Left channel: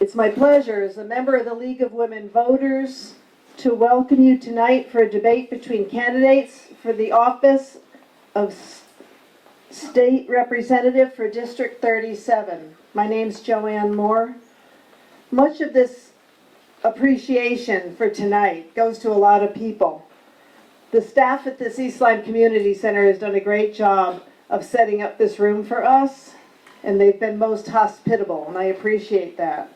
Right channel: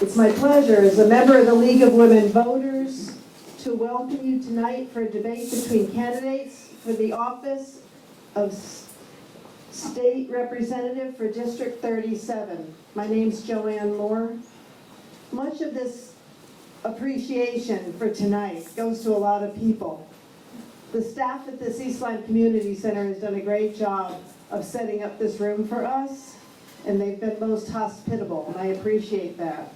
It's my pleasure as a member of the League of Women Voters to welcome you tonight for a debate between candidates for the office of State Representative for District 37. My name's Joanne Moore. Much of this appreciation for tonight goes to a lot of people. The staff at this East Lyme Community Center has done a great job of setting up this room for us, and they've been most hospitable, and I appreciate that.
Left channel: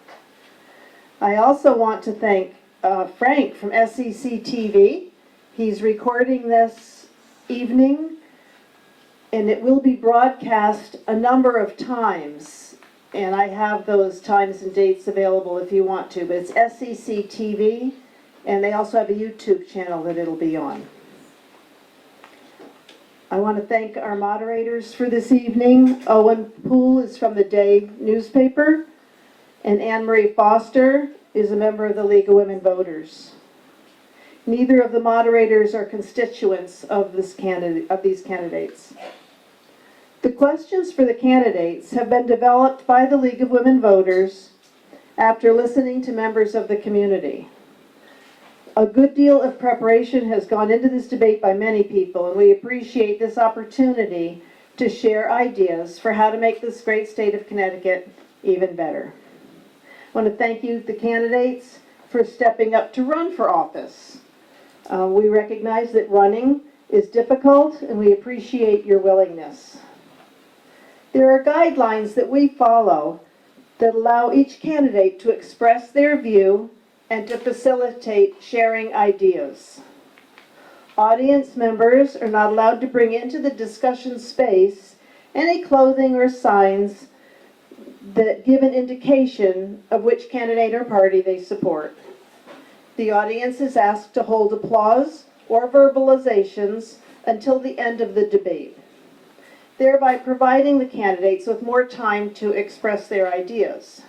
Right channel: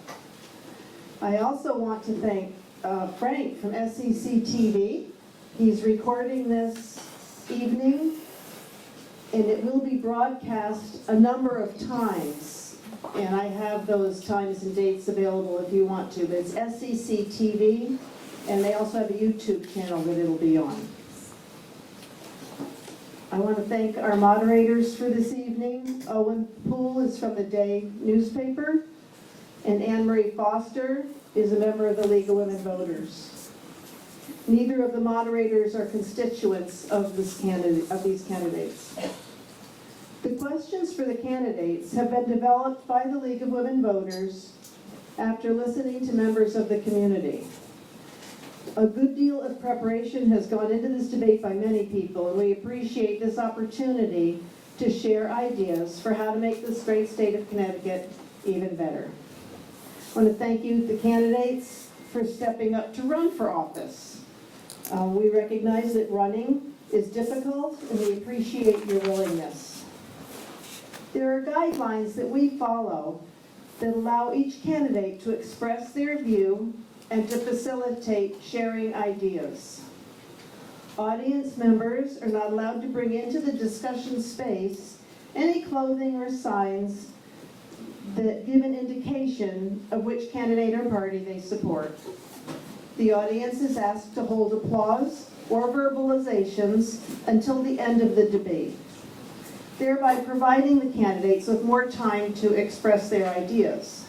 I also want to thank Frank from SEC TV. He's recording this evening, and it will be broadcast a number of times, and I have those times and dates available if you want to, but it's SEC TV, and they also have a YouTube channel that it'll be on. I want to thank our moderators for this evening. Owen Poole is from the Day newspaper, and Anne Marie Foster is a member of the League of Women Voters. Neither of the moderators are constituents of these candidates. The questions for the candidates have been developed by the League of Women Voters after listening to members of the community. A good deal of preparation has gone into this debate by many people, and we appreciate this opportunity to share ideas for how to make this great state of Connecticut even better. I want to thank you, the candidates, for stepping up to run for office. We recognize that running is difficult, and we appreciate your willingness. There are guidelines that we follow that allow each candidate to express their view and to facilitate sharing ideas. Audience members are not allowed to bring into the discussion space any clothing or signs that give an indication of which candidate or party they support. The audience is asked to hold applause or verbalizations until the end of the debate, thereby providing the candidates with more time to express their ideas.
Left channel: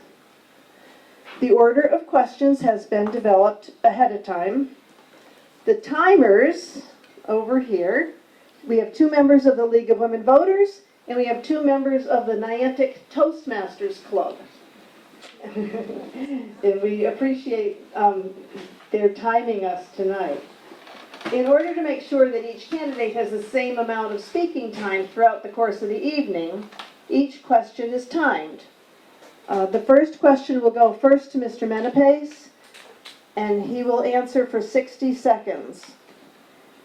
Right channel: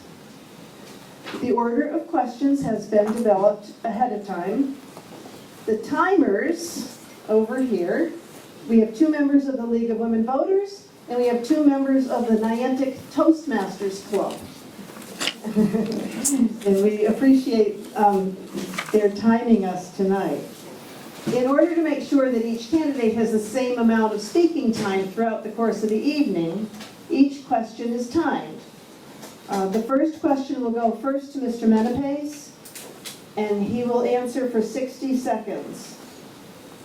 The order of questions has been developed ahead of time. The timers over here, we have 2 members of the League of Women Voters, and we have 2 members of the Niantic Toastmasters Club. And we appreciate their timing us tonight. In order to make sure that each candidate has the same amount of speaking time throughout the course of the evening, each question is timed. The first question will go first to Mr. Menapace, and he will answer for 60 seconds.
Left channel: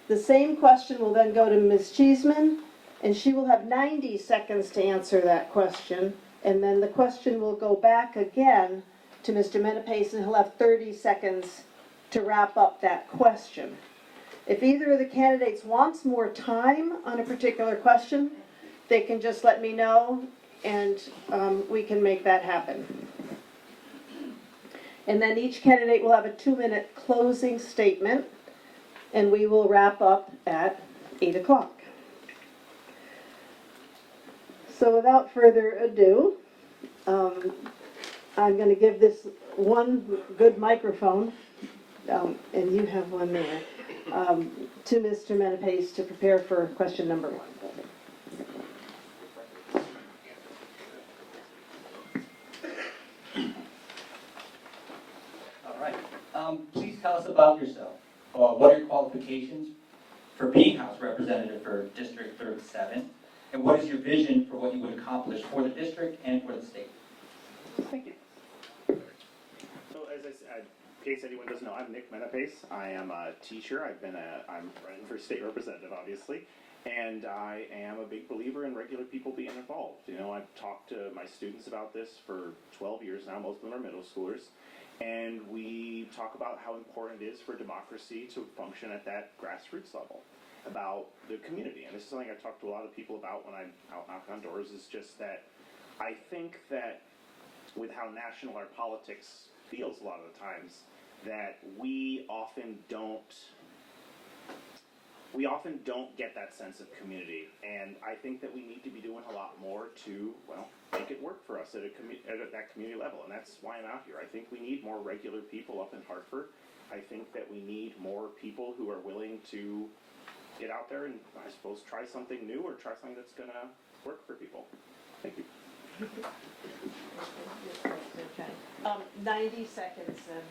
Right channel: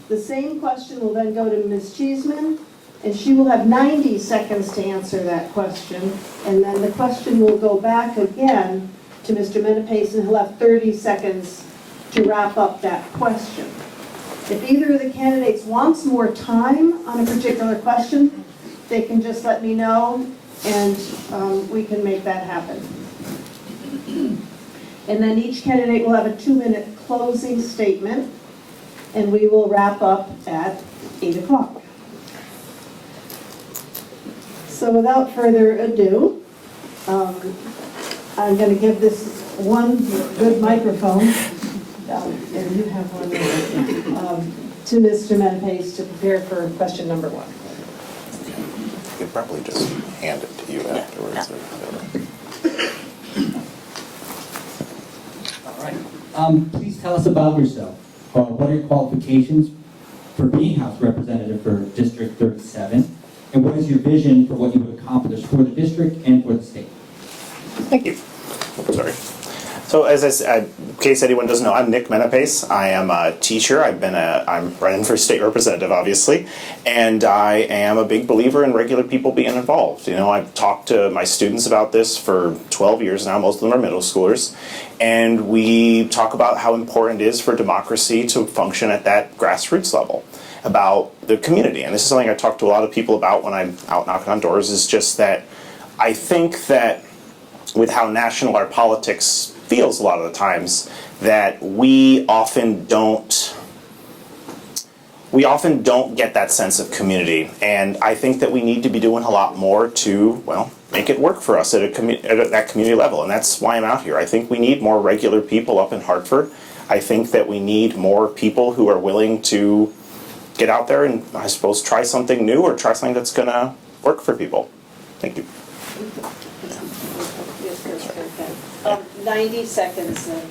The same question will then go to Ms. Cheeseman, and she will have 90 seconds to answer that question, and then the question will go back again to Mr. Menapace, and he'll have 30 seconds to wrap up that question. If either of the candidates wants more time on a particular question, they can just let me know, and we can make that happen. And then each candidate will have a 2-minute closing statement, and we will wrap up at 8 o'clock. So without further ado, I'm going to give this one good microphone, and you have one there, to Mr. Menapace to prepare for question number 1. You could probably just hand it to you afterwards. All right. Please tell us about yourself. What are your qualifications for being House Representative for District 37? And what is your vision for what you would accomplish for the district and for the state? Thank you. Oh, sorry. So as I said, in case anyone doesn't know, I'm Nick Menapace. I am a teacher. I'm running for state representative, obviously, and I am a big believer in regular people being involved. You know, I've talked to my students about this for 12 years now. Most of them are middle schoolers, and we talk about how important it is for democracy to function at that grassroots level, about the community. And this is something I talk to a lot of people about when I'm out knocking on doors, is just that I think that with how national our politics feels a lot of the times, that we often don't get that sense of community, and I think that we need to be doing a lot more to, well, make it work for us at that community level, and that's why I'm out here. I think we need more regular people up in Hartford. I think that we need more people who are willing to get out there and, I suppose, try something new or try something that's going to work for people. Thank you. 90 seconds then.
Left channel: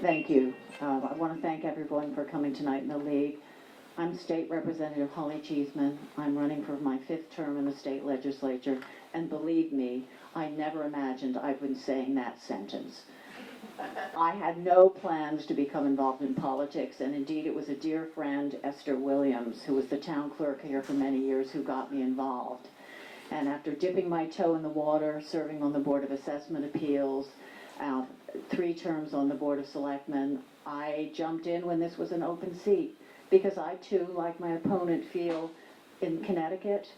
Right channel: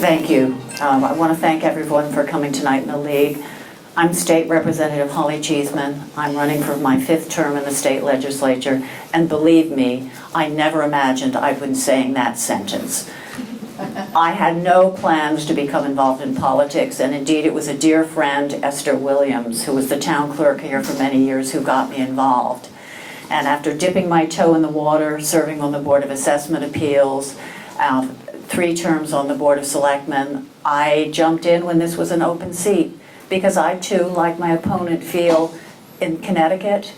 Thank you. I want to thank everyone for coming tonight in the league. I'm State Representative Holly Cheeseman. I'm running for my 5th term in the state legislature, and believe me, I never imagined I would be saying that sentence. I had no plans to become involved in politics, and indeed it was a dear friend, Esther Williams, who was the town clerk here for many years, who got me involved. And after dipping my toe in the water, serving on the Board of Assessment Appeals, 3 terms on the Board of Selectmen, I jumped in when this was an open seat, because I too, like my opponent, feel in Connecticut,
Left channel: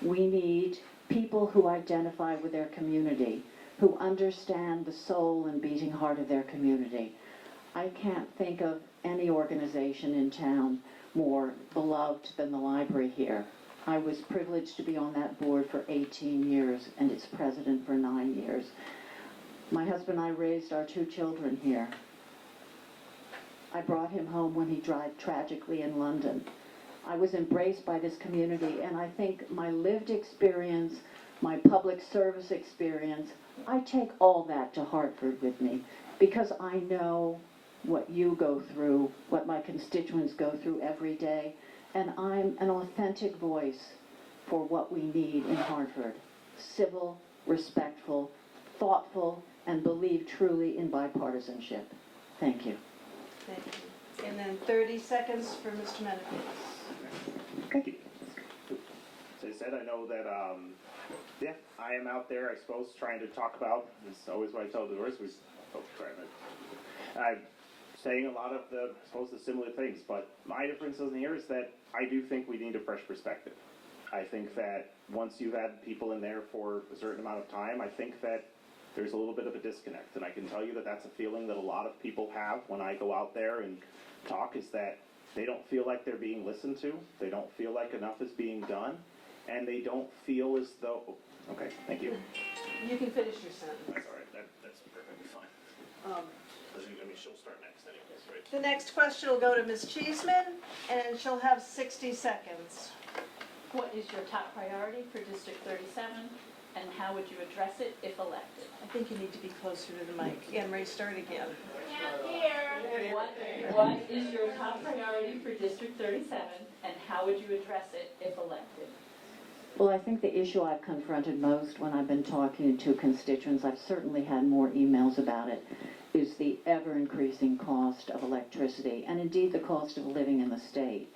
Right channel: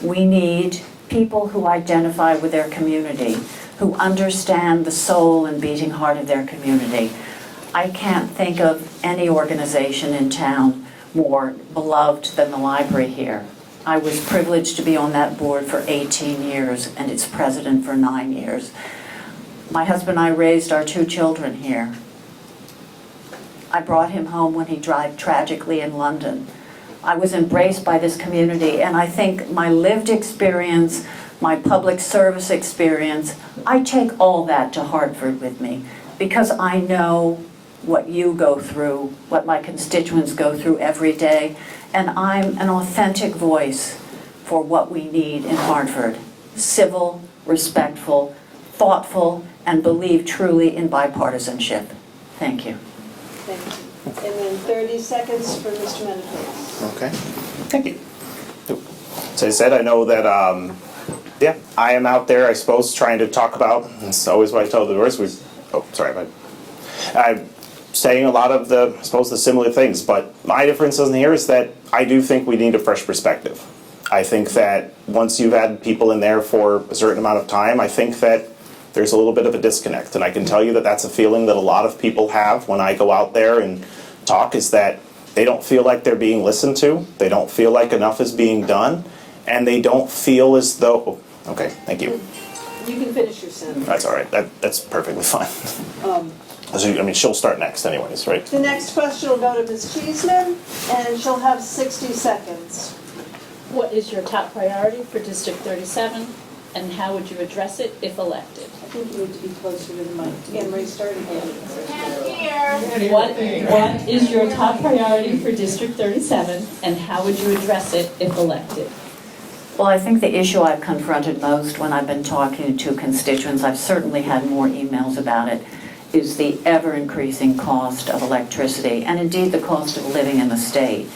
we need people who identify with their community, who understand the soul and beating heart of their community. I can't think of any organization in town more beloved than the library here. I was privileged to be on that board for 18 years and its president for 9 years. My husband and I raised our 2 children here. I brought him home when he died tragically in London. I was embraced by this community, and I think my lived experience, my public service experience, I take all that to Hartford with me, because I know what you go through, what my constituents go through every day, and I'm an authentic voice for what we need in Hartford. Civil, respectful, thoughtful, and believe truly in bipartisanship. Thank you. Thank you. And then 30 seconds for Mr. Menapace. Okay, thank you. So I said, I know that, yeah, I am out there, I suppose, trying to talk about, it's always what I tell the doors, I'm saying a lot of the, I suppose, the similar things, but my difference in here is that I do think we need a fresh perspective. I think that once you've had people in there for a certain amount of time, I think that there's a little bit of a disconnect, and I can tell you that that's a feeling that a lot of people have when I go out there and talk, is that they don't feel like they're being listened to, they don't feel like enough is being done, and they don't feel as though, oh, okay, thank you. You can finish your sentence. That's all right, that's perfectly fine. I mean, she'll start next anyways, right? The next question will go to Ms. Cheeseman, and she'll have 60 seconds. What is your top priority for District 37, and how would you address it if elected? I think you need to be closer to the mic. Again, Ray, start again. What is your top priority for District 37, and how would you address it if elected? Well, I think the issue I've confronted most when I've been talking to constituents, I've certainly had more emails about it, is the ever-increasing cost of electricity, and indeed the cost of living in the state.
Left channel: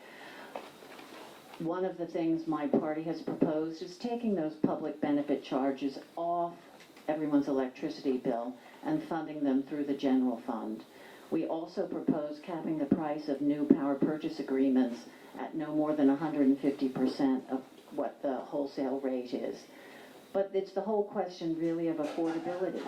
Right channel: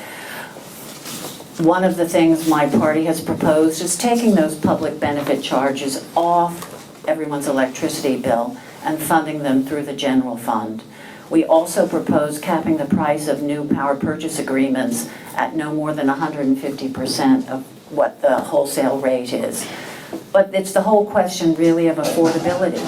One of the things my party has proposed is taking those public benefit charges off everyone's electricity bill and funding them through the general fund. We also propose capping the price of new power purchase agreements at no more than 150% of what the wholesale rate is. But it's the whole question really of affordability.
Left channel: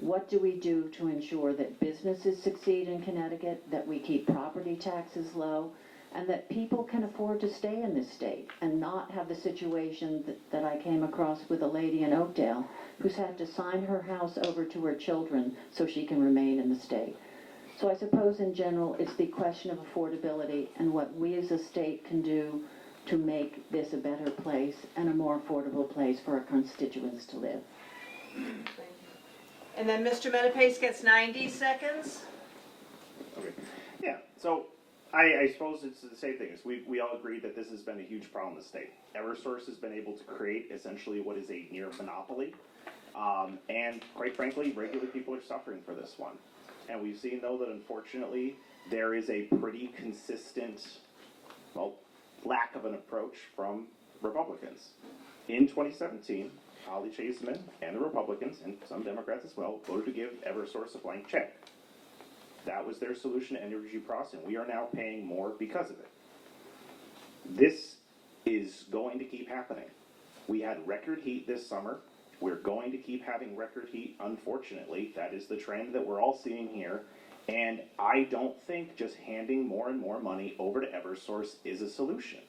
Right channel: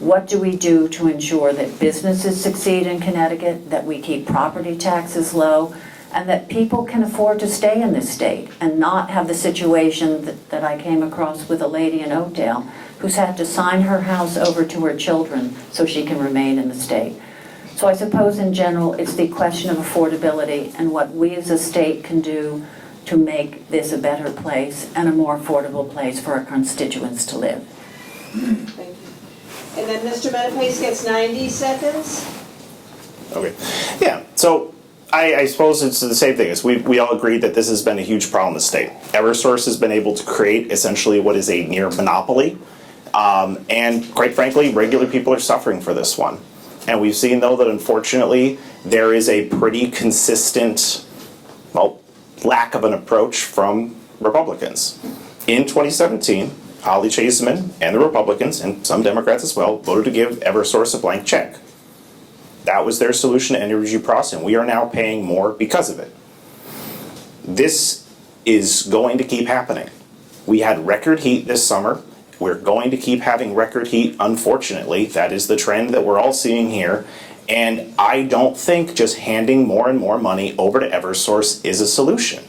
What do we do to ensure that businesses succeed in Connecticut, that we keep property taxes low, and that people can afford to stay in this state and not have the situation that I came across with a lady in Oakdale who's had to sign her house over to her children so she can remain in the state. So I suppose in general it's the question of affordability and what we as a state can do to make this a better place and a more affordable place for our constituents to live. Thank you. And then Mr. Menapace gets 90 seconds. Okay, yeah, so I suppose it's the same thing. As we all agree that this has been a huge problem in the state. Eversource has been able to create essentially what is a near monopoly. And quite frankly, regular people are suffering for this one. And we've seen, though, that unfortunately there is a pretty consistent, well, lack of an approach from Republicans. In 2017, Holly Cheeseman and the Republicans, and some Democrats as well, voted to give Eversource a blank check. That was their solution to energy costs, and we are now paying more because of it. This is going to keep happening. We had record heat this summer. We're going to keep having record heat, unfortunately. That is the trend that we're all seeing here. And I don't think just handing more and more money over to Eversource is a solution.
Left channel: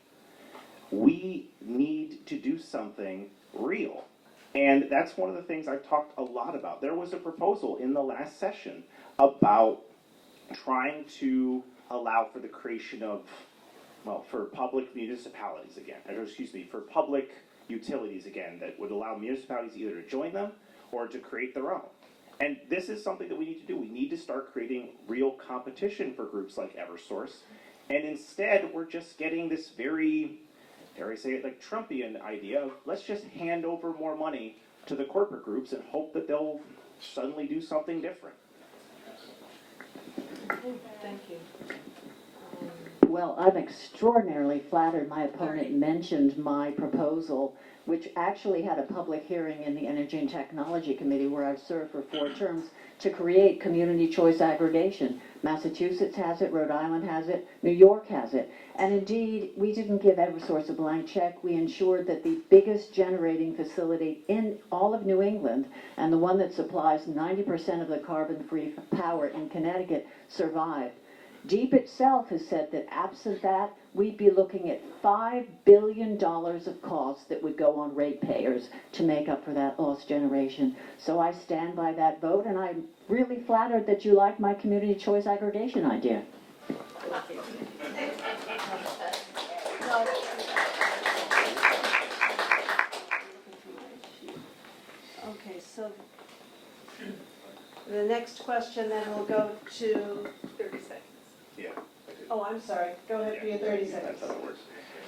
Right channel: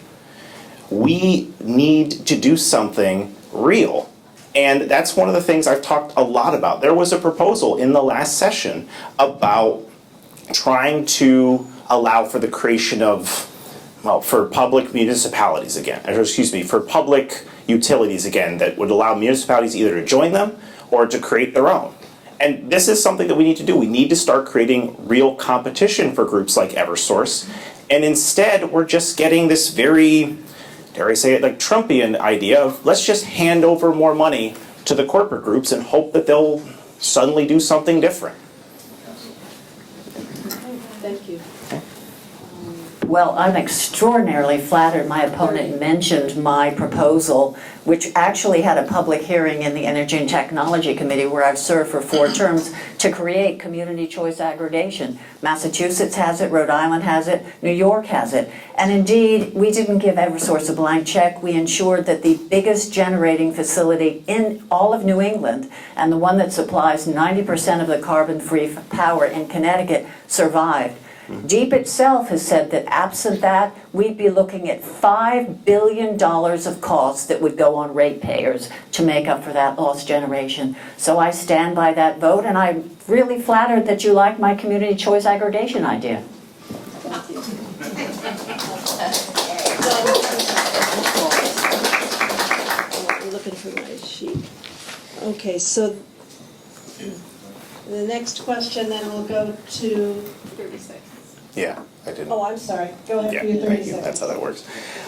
We need to do something real. And that's one of the things I've talked a lot about. There was a proposal in the last session about trying to allow for the creation of, well, for public municipalities again, or excuse me, for public utilities again, that would allow municipalities either to join them or to create their own. And this is something that we need to do. We need to start creating real competition for groups like Eversource. And instead, we're just getting this very, dare I say it, like Trumpian idea of let's just hand over more money to the corporate groups and hope that they'll suddenly do something different. Thank you. Well, I'm extraordinarily flattered my opponent mentioned my proposal, which actually had a public hearing in the Energy and Technology Committee where I've served for 4 terms to create community choice aggregation. Massachusetts has it, Rhode Island has it, New York has it. And indeed, we didn't give Eversource a blank check. We ensured that the biggest generating facility in all of New England, and the one that supplies 90% of the carbon-free power in Connecticut, survived. DEEP itself has said that absent that, we'd be looking at $5 billion of costs that would go on ratepayers to make up for that lost generation. So I stand by that vote, and I'm really flattered that you like my community choice aggregation idea. I'm looking for my sheet. Okay, so the next question then will go to 30 seconds. Yeah, I didn't. Oh, I'm sorry. Go ahead Yeah, for your 30 thank you. seconds. That's how that works.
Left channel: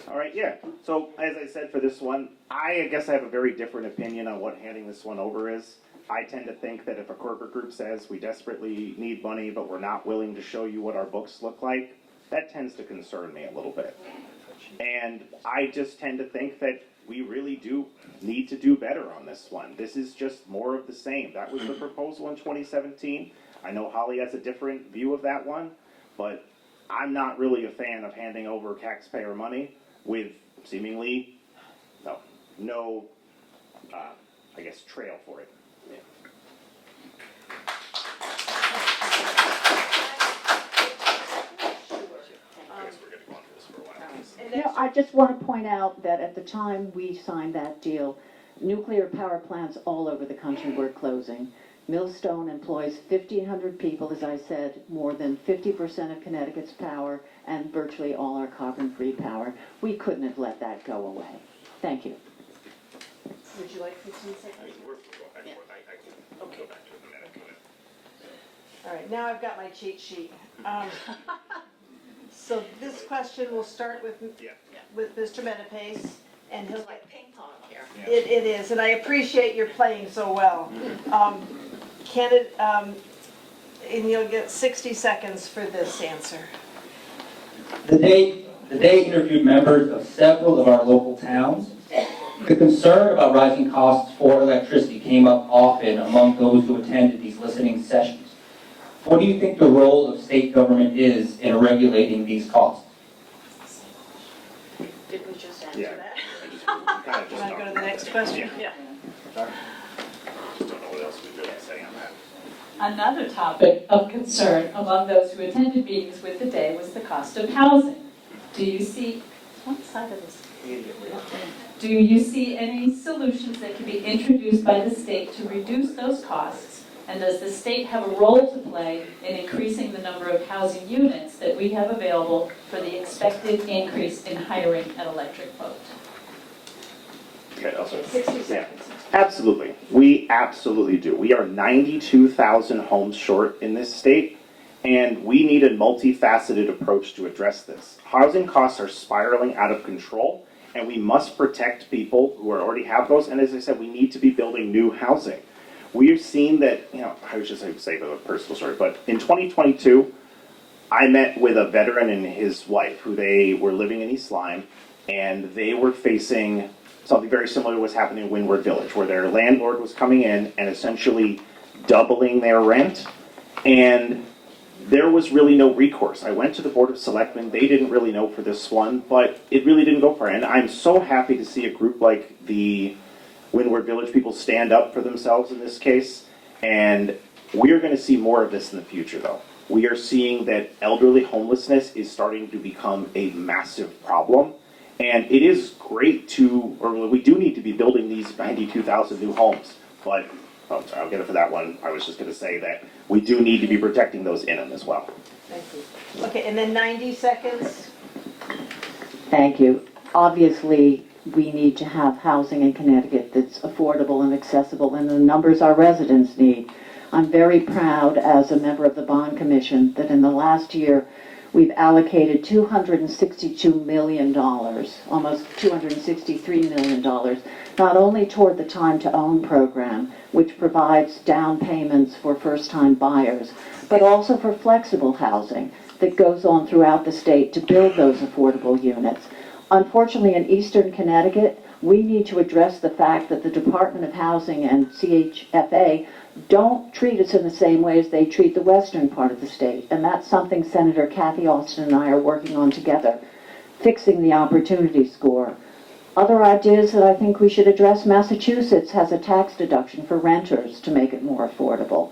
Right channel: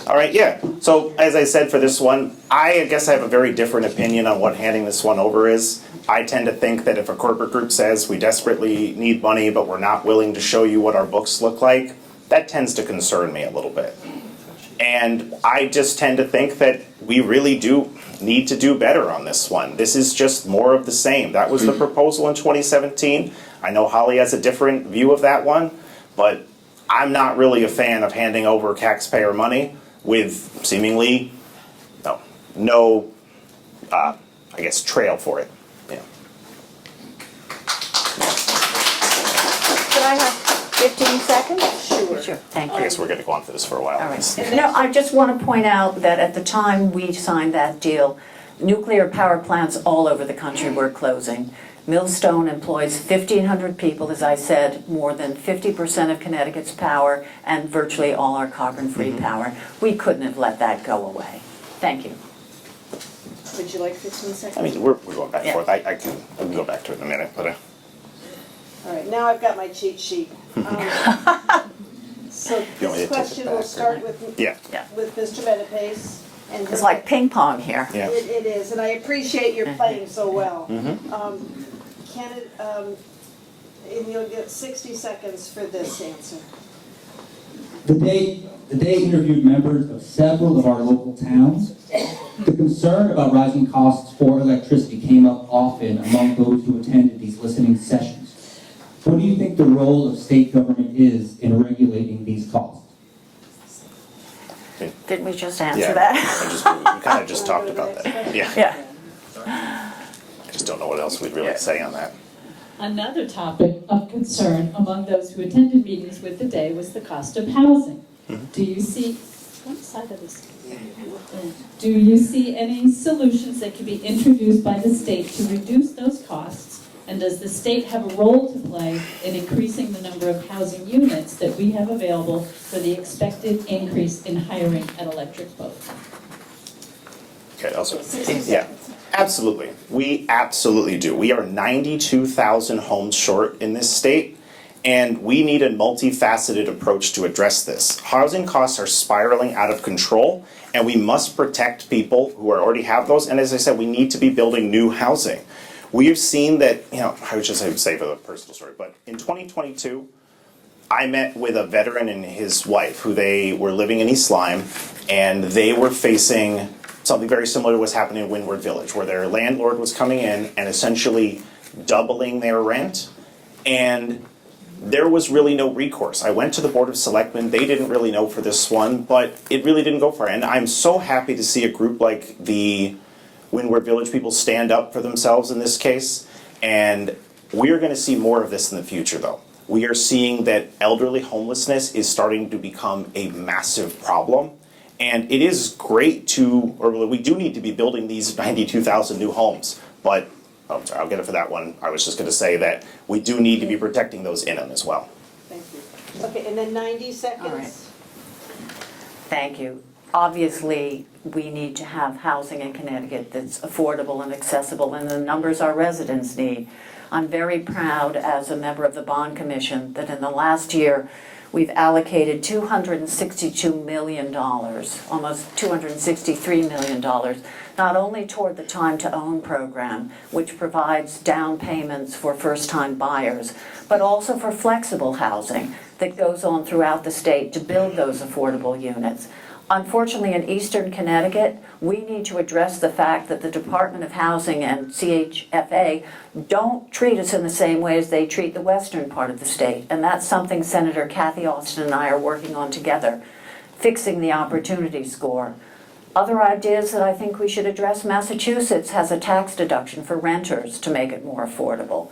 All right, yeah. So as I said for this one, I guess I have a very different opinion on what handing this one over is. I tend to think that if a corporate group says we desperately need money, but we're not willing to show you what our books look like, that tends to concern me a little bit. And I just tend to think that we really do need to do better on this one. This is just more of the same. That was the proposal in 2017. I know Holly has a different view of that one, but I'm not really a fan of handing over taxpayer money with seemingly no I guess, trail for it. Yeah. Could I have 15 seconds? Sure. Thank you. I guess we're going to go on for this for a while. All right. No, I just want to point out that at the time we signed that deal, nuclear power plants all over the country were closing. Millstone employs 1,500 people, as I said, more than 50% of Connecticut's power, and virtually all our carbon-free power. We couldn't have let that go away. Thank you. Would you like 15 seconds? I mean, we're going back and Yeah. forth. I can go back to it in a minute, but All right, now I've got my cheat sheet. So You want me to take this it question will back, start or- with yeah. Mr. Menapace. And It's like ping pong here. Yeah. It is, and I appreciate your playing so well. Can it, and you'll get 60 seconds for this answer. The day interviewed members of several of our local towns. The concern about rising costs for electricity came up often among those who attended these listening sessions. What do you think the role of state government is in regulating these costs? Didn't we just answer Yeah. that? We kind of just Wanna talked go to the about next that. question? Yeah. Yeah. Just don't know what else we'd really say on that. Another topic of concern among those who attended meetings with the day was the cost of housing. Do you see, one side of this? Do you see any solutions that can be introduced by the state to reduce those costs? And does the state have a role to play in increasing the number of housing units that we have available for the expected increase in hiring an electric boat? Okay, also, 60 yeah, seconds. absolutely. We absolutely do. We are 92,000 homes short in this state, and we need a multifaceted approach to address this. Housing costs are spiraling out of control, and we must protect people who already have those, and as I said, we need to be building new housing. We have seen that, I would just say for the personal story, but in 2022, I met with a veteran and his wife, who they were living in East Lyme, and they were facing something very similar to what's happening in Windward Village, where their landlord was coming in and essentially doubling their rent, and there was really no recourse. I went to the Board of Selectmen, they didn't really know for this one, but it really didn't go far, and I'm so happy to see a group like the Windward Village people stand up for themselves in this case, and we are going to see more of this in the future though. We are seeing that elderly homelessness is starting to become a massive problem, and it is great we do need to be building these 92,000 new homes, but, I'm sorry, I'll get it for that one. I was just going to say that we do need to be protecting those in them as well. Thank you. Okay, and then 90 seconds. Thank you. Obviously, we need to have housing in Connecticut that's affordable and accessible, and the numbers our residents need. I'm very proud as a member of the Bond Commission that in the last year, we've allocated $262 million, almost $263 million, not only toward the Time to Own program, which provides down payments for first-time buyers, but also for flexible housing that goes on throughout the state to build those affordable units. Unfortunately, in Eastern Connecticut, we need to address the fact that the Department of Housing and CHFA don't treat us in the same way as they treat the western part of the state. And that's something Senator Kathy Austin and I are working on together, fixing the opportunity score. Other ideas that I think we should address, Massachusetts has a tax deduction for renters to make it more affordable.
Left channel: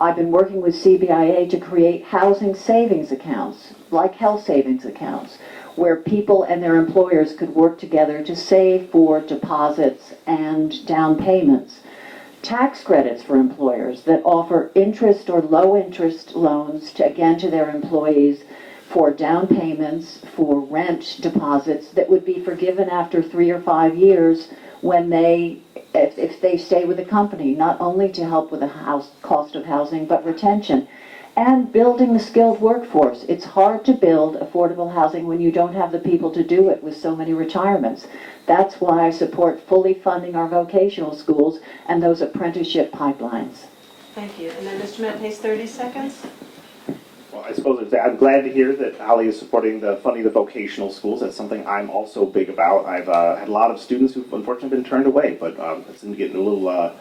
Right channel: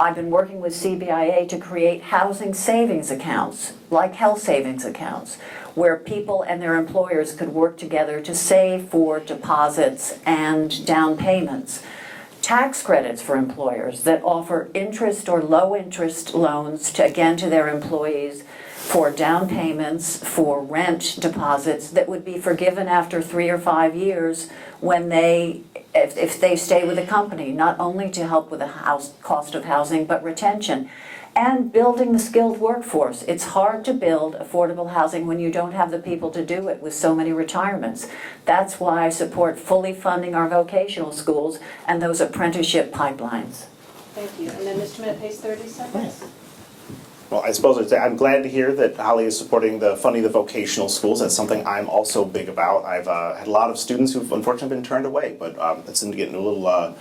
I've been working with CBIA to create housing savings accounts, like health savings accounts, where people and their employers could work together to save for deposits and down payments. Tax credits for employers that offer interest or low interest loans to their employees for down payments, for rent deposits that would be forgiven after 3 or 5 years when if they stay with a company, not only to help with the cost of housing, but retention. And building the skilled workforce. It's hard to build affordable housing when you don't have the people to do it with so many retirements. That's why I support fully funding our vocational schools and those apprenticeship pipelines. Thank you. And then Mr. Menapace, 30 seconds. Well, I suppose I'm glad to hear that Holly is supporting the funding of the vocational schools. That's something I'm also big about. I've had a lot of students who've unfortunately been turned away, but that seemed to get into a little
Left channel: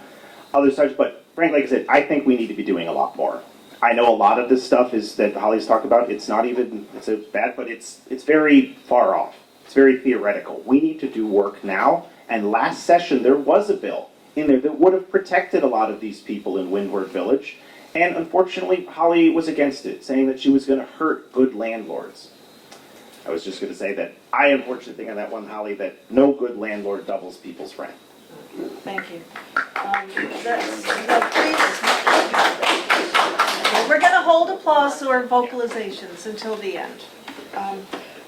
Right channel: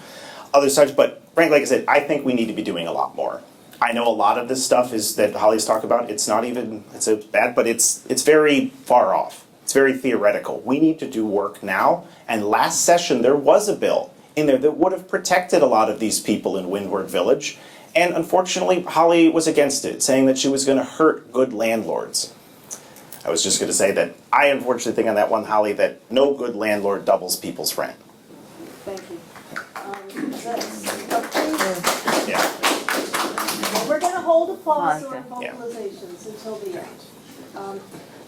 other subjects. But frankly, like I said, I think we need to be doing a lot more. I know a lot of this stuff is that Holly's talked about. It's not even, it's a bad, but it's very far off. It's very theoretical. We need to do work now. And last session, there was a bill in there that would have protected a lot of these people in Windward Village. And unfortunately, Holly was against it, saying that she was going to hurt good landlords. I was just going to say that I unfortunately think on that one, Holly, that no good landlord doubles people's rent. Thank you. We're going to hold applause or vocalizations until the end.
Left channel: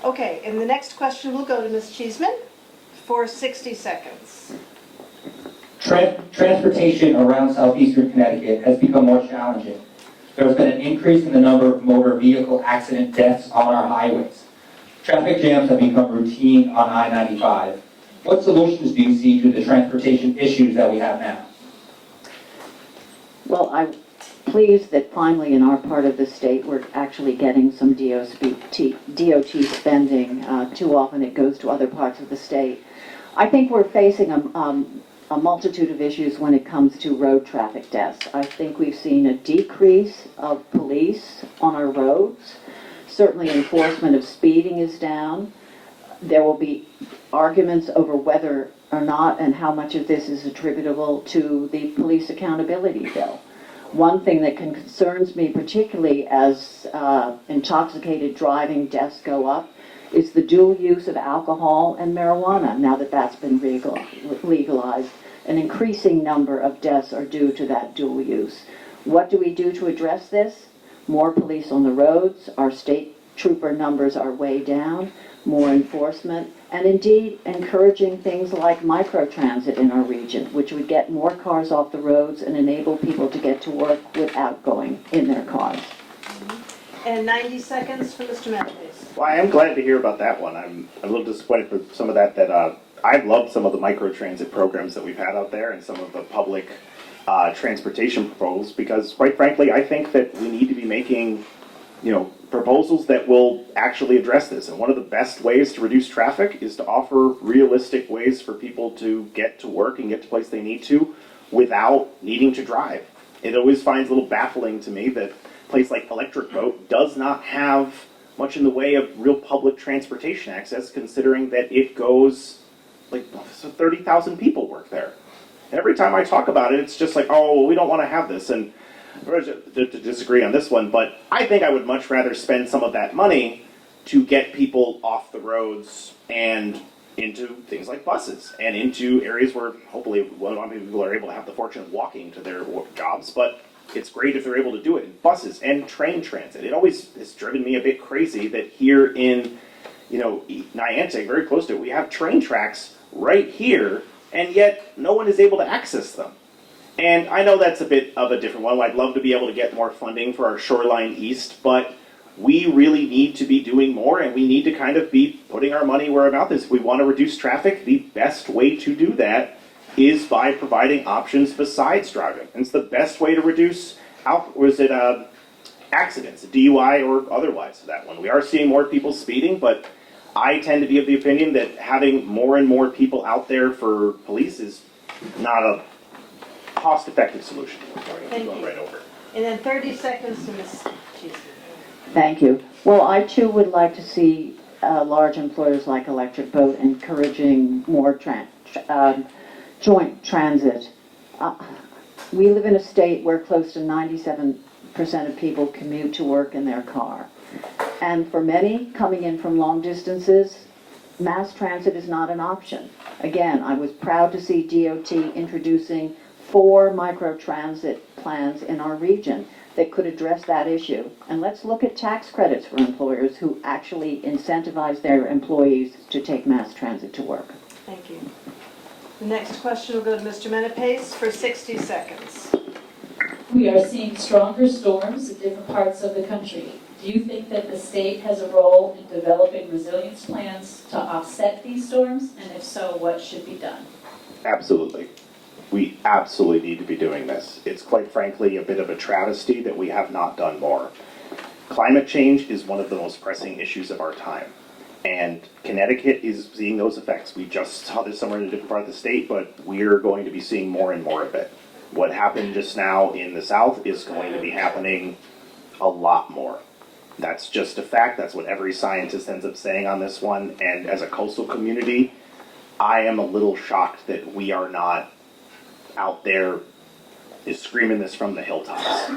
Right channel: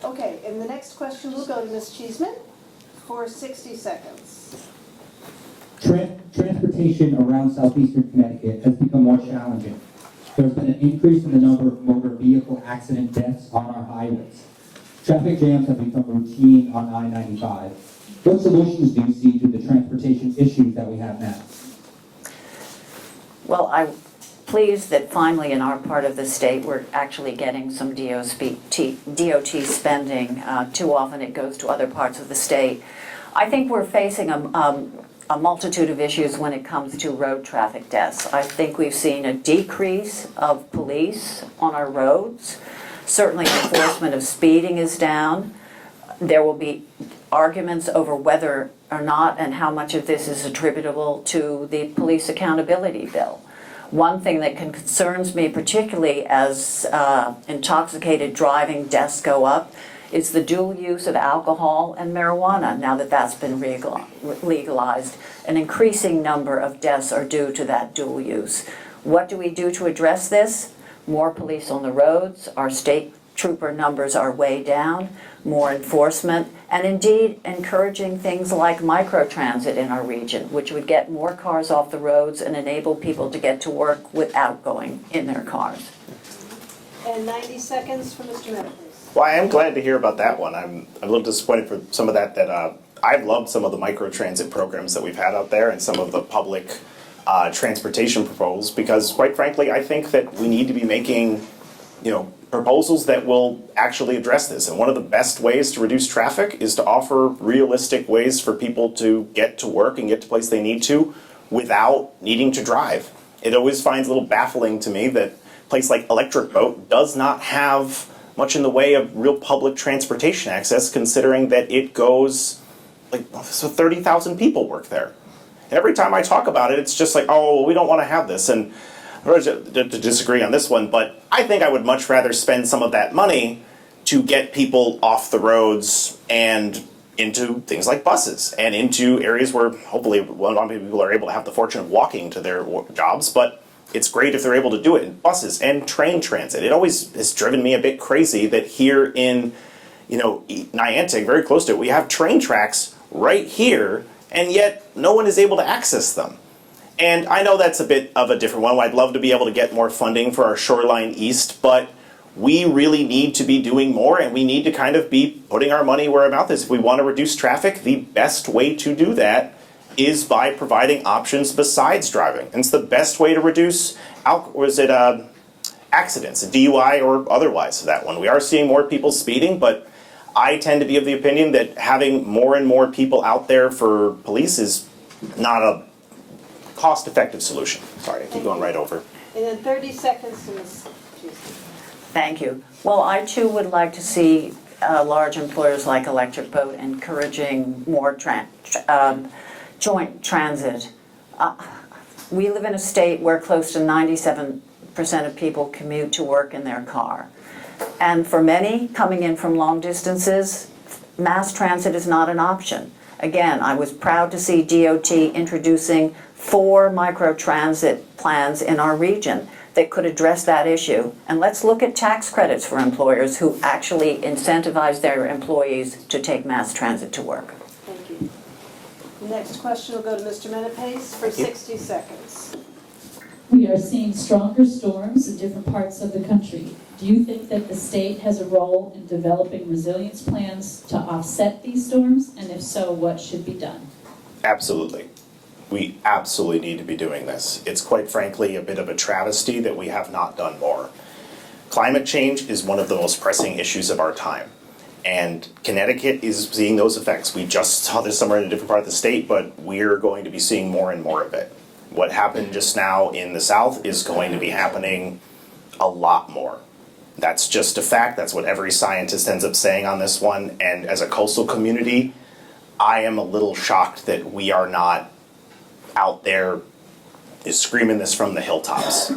Okay, and the next question will go to Ms. Cheeseman for 60 seconds. Transportation around southeastern Connecticut has become more challenging. There has been an increase in the number of motor vehicle accident deaths on our highways. Traffic jams have become routine on I-95. What solutions do you see to the transportation issues that we have now? Well, I'm pleased that finally in our part of the state we're actually getting some DOT spending. Too often it goes to other parts of the state. I think we're facing a multitude of issues when it comes to road traffic deaths. I think we've seen a decrease of police on our roads. Certainly enforcement of speeding is down. There will be arguments over whether or not and how much of this is attributable to the police accountability bill. One thing that concerns me particularly as intoxicated driving deaths go up is the dual use of alcohol and marijuana. Now that that's been legalized, an increasing number of deaths are due to that dual use. What do we do to address this? More police on the roads, our state trooper numbers are way down, more enforcement, and indeed encouraging things like microtransit in our region, which would get more cars off the roads and enable people to get to work without going in their cars. And 90 seconds for Mr. Menapace. Well, I am glad to hear about that one. I'm a little disappointed for some of that I've loved some of the microtransit programs that we've had out there and some of the public transportation proposals because, quite frankly, I think that we need to be making, proposals that will actually address this. And one of the best ways to reduce traffic is to offer realistic ways for people to get to work and get to place they need to without needing to drive. It always finds a little baffling to me that a place like Electric Boat does not have much in the way of real public transportation access, considering that it goes, 30,000 people work there. Every time I talk about it, it's just like, oh, well, we don't want to have this. And to disagree on this one, but I think I would much rather spend some of that money to get people off the roads and into things like buses and into areas where hopefully a lot of people are able to have the fortune of walking to their jobs, but it's great if they're able to do it in buses and train transit. It always has driven me a bit crazy that here in, Niantic, very close to it, we have train tracks right here, and yet no one is able to access them. And I know that's a bit of a different one. I'd love to be able to get more funding for our Shoreline East, but we really need to be doing more, and we need to kind of be putting our money where our mouth is. If we want to reduce traffic, the best way to do that is by providing options besides driving. And it's the best way to reduce accidents, DUI or otherwise for that one. We are seeing more people speeding, but I tend to be of the opinion that having more and more people out there for police is not a cost-effective solution. Sorry, I keep going right over. And then 30 seconds to Ms. Cheeseman. Thank you. Well, I too would like to see large employers like Electric Boat encouraging more joint transit. We live in a state where close to 97% of people commute to work in their car. And for many coming in from long distances, mass transit is not an option. Again, I was proud to see DOT introducing 4 microtransit plans in our region that could address that issue. And let's look at tax credits for employers who actually incentivize their employees to take mass transit to work. Thank you. The next question will go to Mr. Menapace for 60 seconds. We are seeing stronger storms in different parts of the country. Do you think that the state has a role in developing resilience plans to offset these storms? And if so, what should be done? Absolutely. We absolutely need to be doing this. It's quite frankly a bit of a travesty that we have not done more. Climate change is one of the most pressing issues of our time. And Connecticut is seeing those effects. We just saw this somewhere in a different part of the state, but we're going to be seeing more and more of it. What happened just now in the South is going to be happening a lot more. That's just a fact. That's what every scientist ends up saying on this one. And as a coastal community, I am a little shocked that we are not out there screaming this from the hilltops,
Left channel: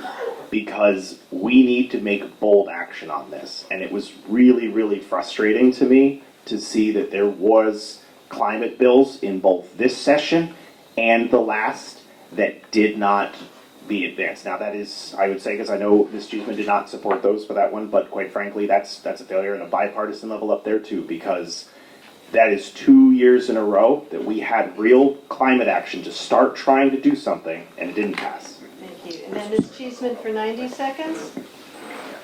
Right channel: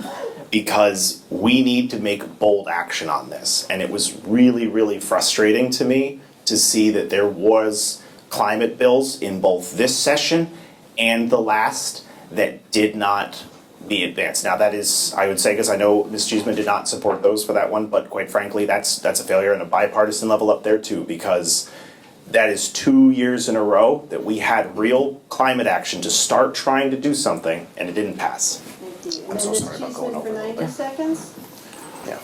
because we need to make bold action on this. And it was really, really frustrating to me to see that there was climate bills in both this session and the last that did not be advanced. Now that is, I would say, because I know Ms. Cheeseman did not support those for that one, but quite frankly, that's a failure on a bipartisan level up there too, because that is 2 years in a row that we had real climate action to start trying to do something, and it didn't pass. Thank you. And I'm then so Ms. sorry about Cheeseman going for over. 90 seconds. Yeah.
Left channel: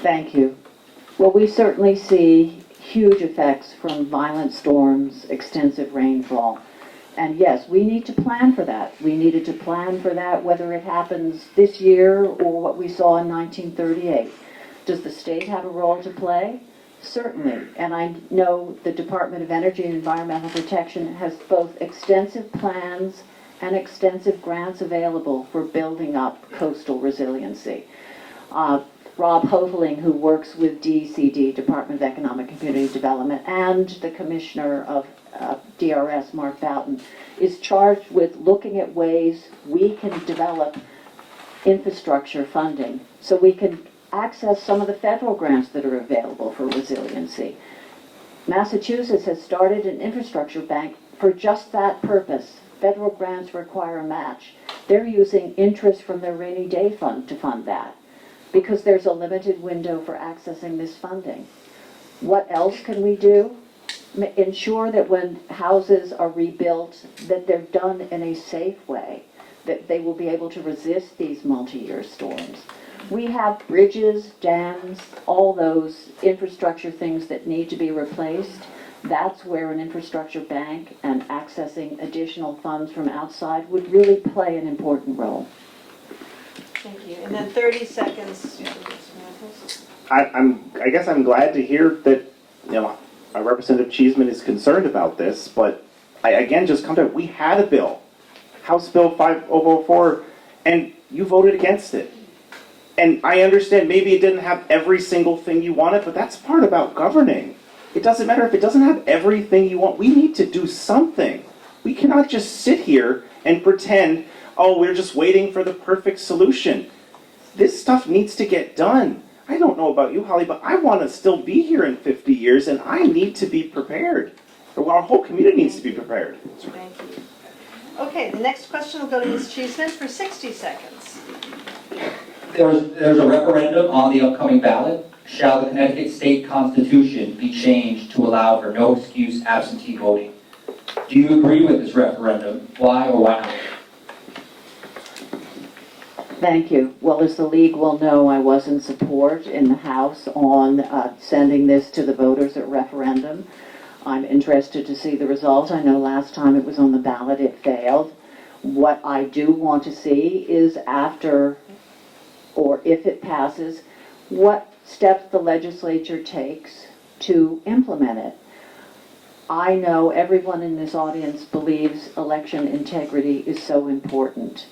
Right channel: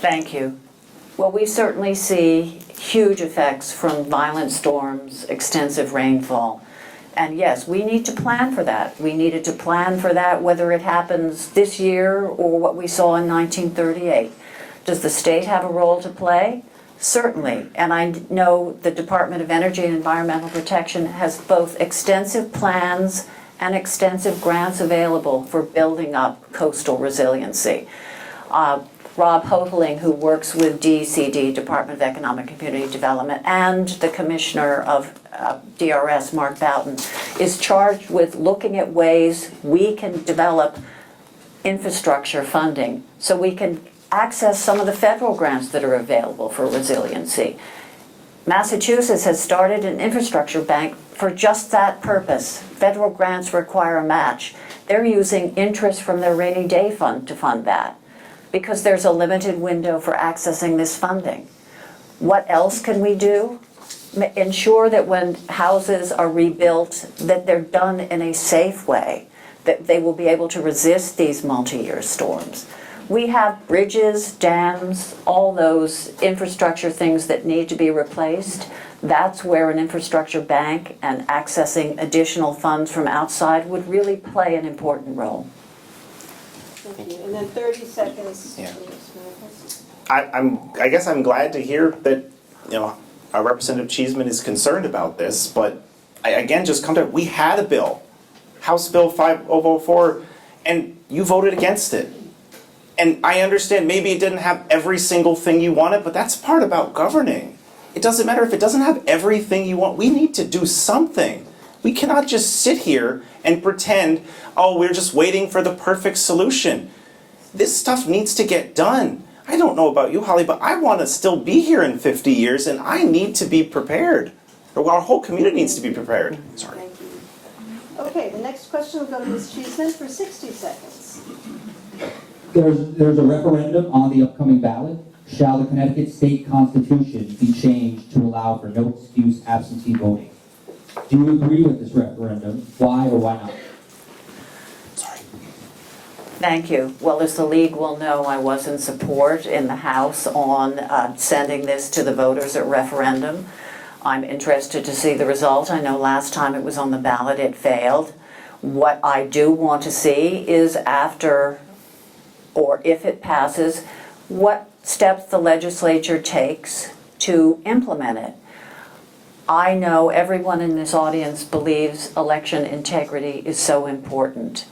Thank you. Well, we certainly see huge effects from violent storms, extensive rainfall. And yes, we need to plan for that. We needed to plan for that whether it happens this year or what we saw in 1938. Does the state have a role to play? Certainly. And I know the Department of Energy and Environmental Protection has both extensive plans and extensive grants available for building up coastal resiliency. Rob Hopeling, who works with DECD, Department of Economic and Community Development, and the Commissioner of DRS, Mark Boughton, is charged with looking at ways we can develop infrastructure funding so we can access some of the federal grants that are available for resiliency. Massachusetts has started an infrastructure bank for just that purpose. Federal grants require a match. They're using interest from their rainy day fund to fund that, because there's a limited window for accessing this funding. What else can we do? Ensure that when houses are rebuilt, that they're done in a safe way, that they will be able to resist these multi-year storms. We have bridges, dams, all those infrastructure things that need to be replaced. That's where an infrastructure bank and accessing additional funds from outside would really play an important role. Thank you. And then 30 seconds. Yeah. I guess I'm glad to hear that, Representative Cheeseman is concerned about this, but I again just come to, we had a bill, House Bill 5004, and you voted against it. And I understand maybe it didn't have every single thing you wanted, but that's part about governing. It doesn't matter if it doesn't have everything you want. We need to do something. We cannot just sit here and pretend, oh, we're just waiting for the perfect solution. This stuff needs to get done. I don't know about you, Holly, but I want to still be here in 50 years, and I need to be prepared. Or our whole community needs to be prepared. Sorry. Thank you. Okay, the next question will go to Ms. Cheeseman for 60 seconds. There's a referendum on the upcoming ballot. Shall the Connecticut State Constitution be changed to allow for no excuse absentee voting? Do you agree with this referendum? Why or why not? Thank you. Well, as the league will know, I was in support in the House on sending this to the voters at referendum. I'm interested to see the result. I know last time it was on the ballot, it failed. What I do want to see is after, or if it passes, what steps the legislature takes to implement it. I know everyone in this audience believes election integrity is so important.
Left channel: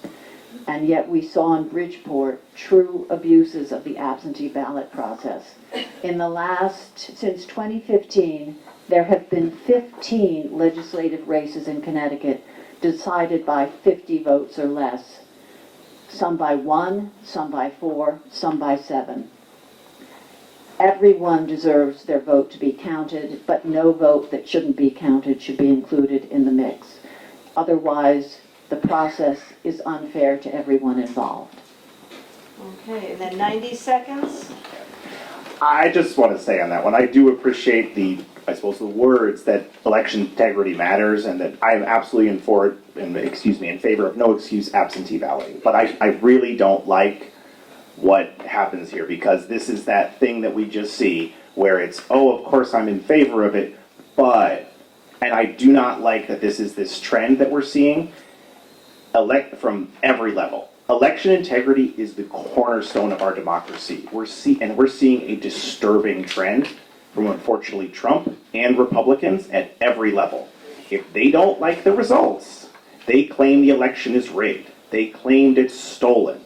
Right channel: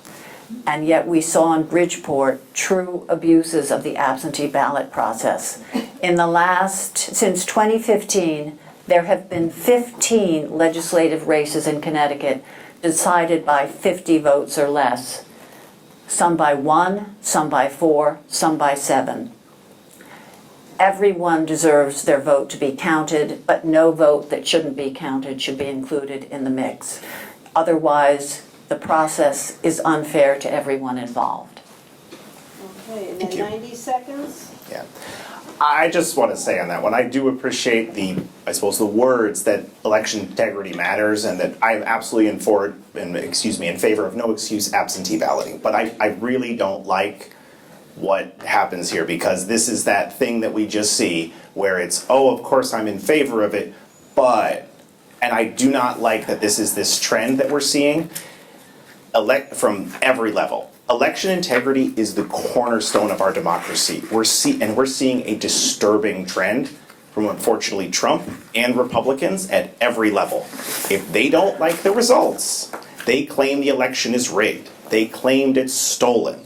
And yet we saw in Bridgeport true abuses of the absentee ballot process. Since 2015, there have been 15 legislative races in Connecticut decided by 50 votes or less. Some by 1, some by 4, some by 7. Everyone deserves their vote to be counted, but no vote that shouldn't be counted should be included in the mix. Otherwise, the process is unfair to everyone involved. Okay, and then 90 seconds. Yeah. I just want to say on that one, I do appreciate the words that election integrity matters, and that I am absolutely in favor of no excuse absentee balloting. But I really don't like what happens here, because this is that thing that we just see where it's, oh, of course I'm in favor of it, but, and I do not like that this is this trend that we're seeing from every level. Election integrity is the cornerstone of our democracy. We're seeing a disturbing trend from, unfortunately, Trump and Republicans at every level. If they don't like the results, they claim the election is rigged. They claimed it's stolen.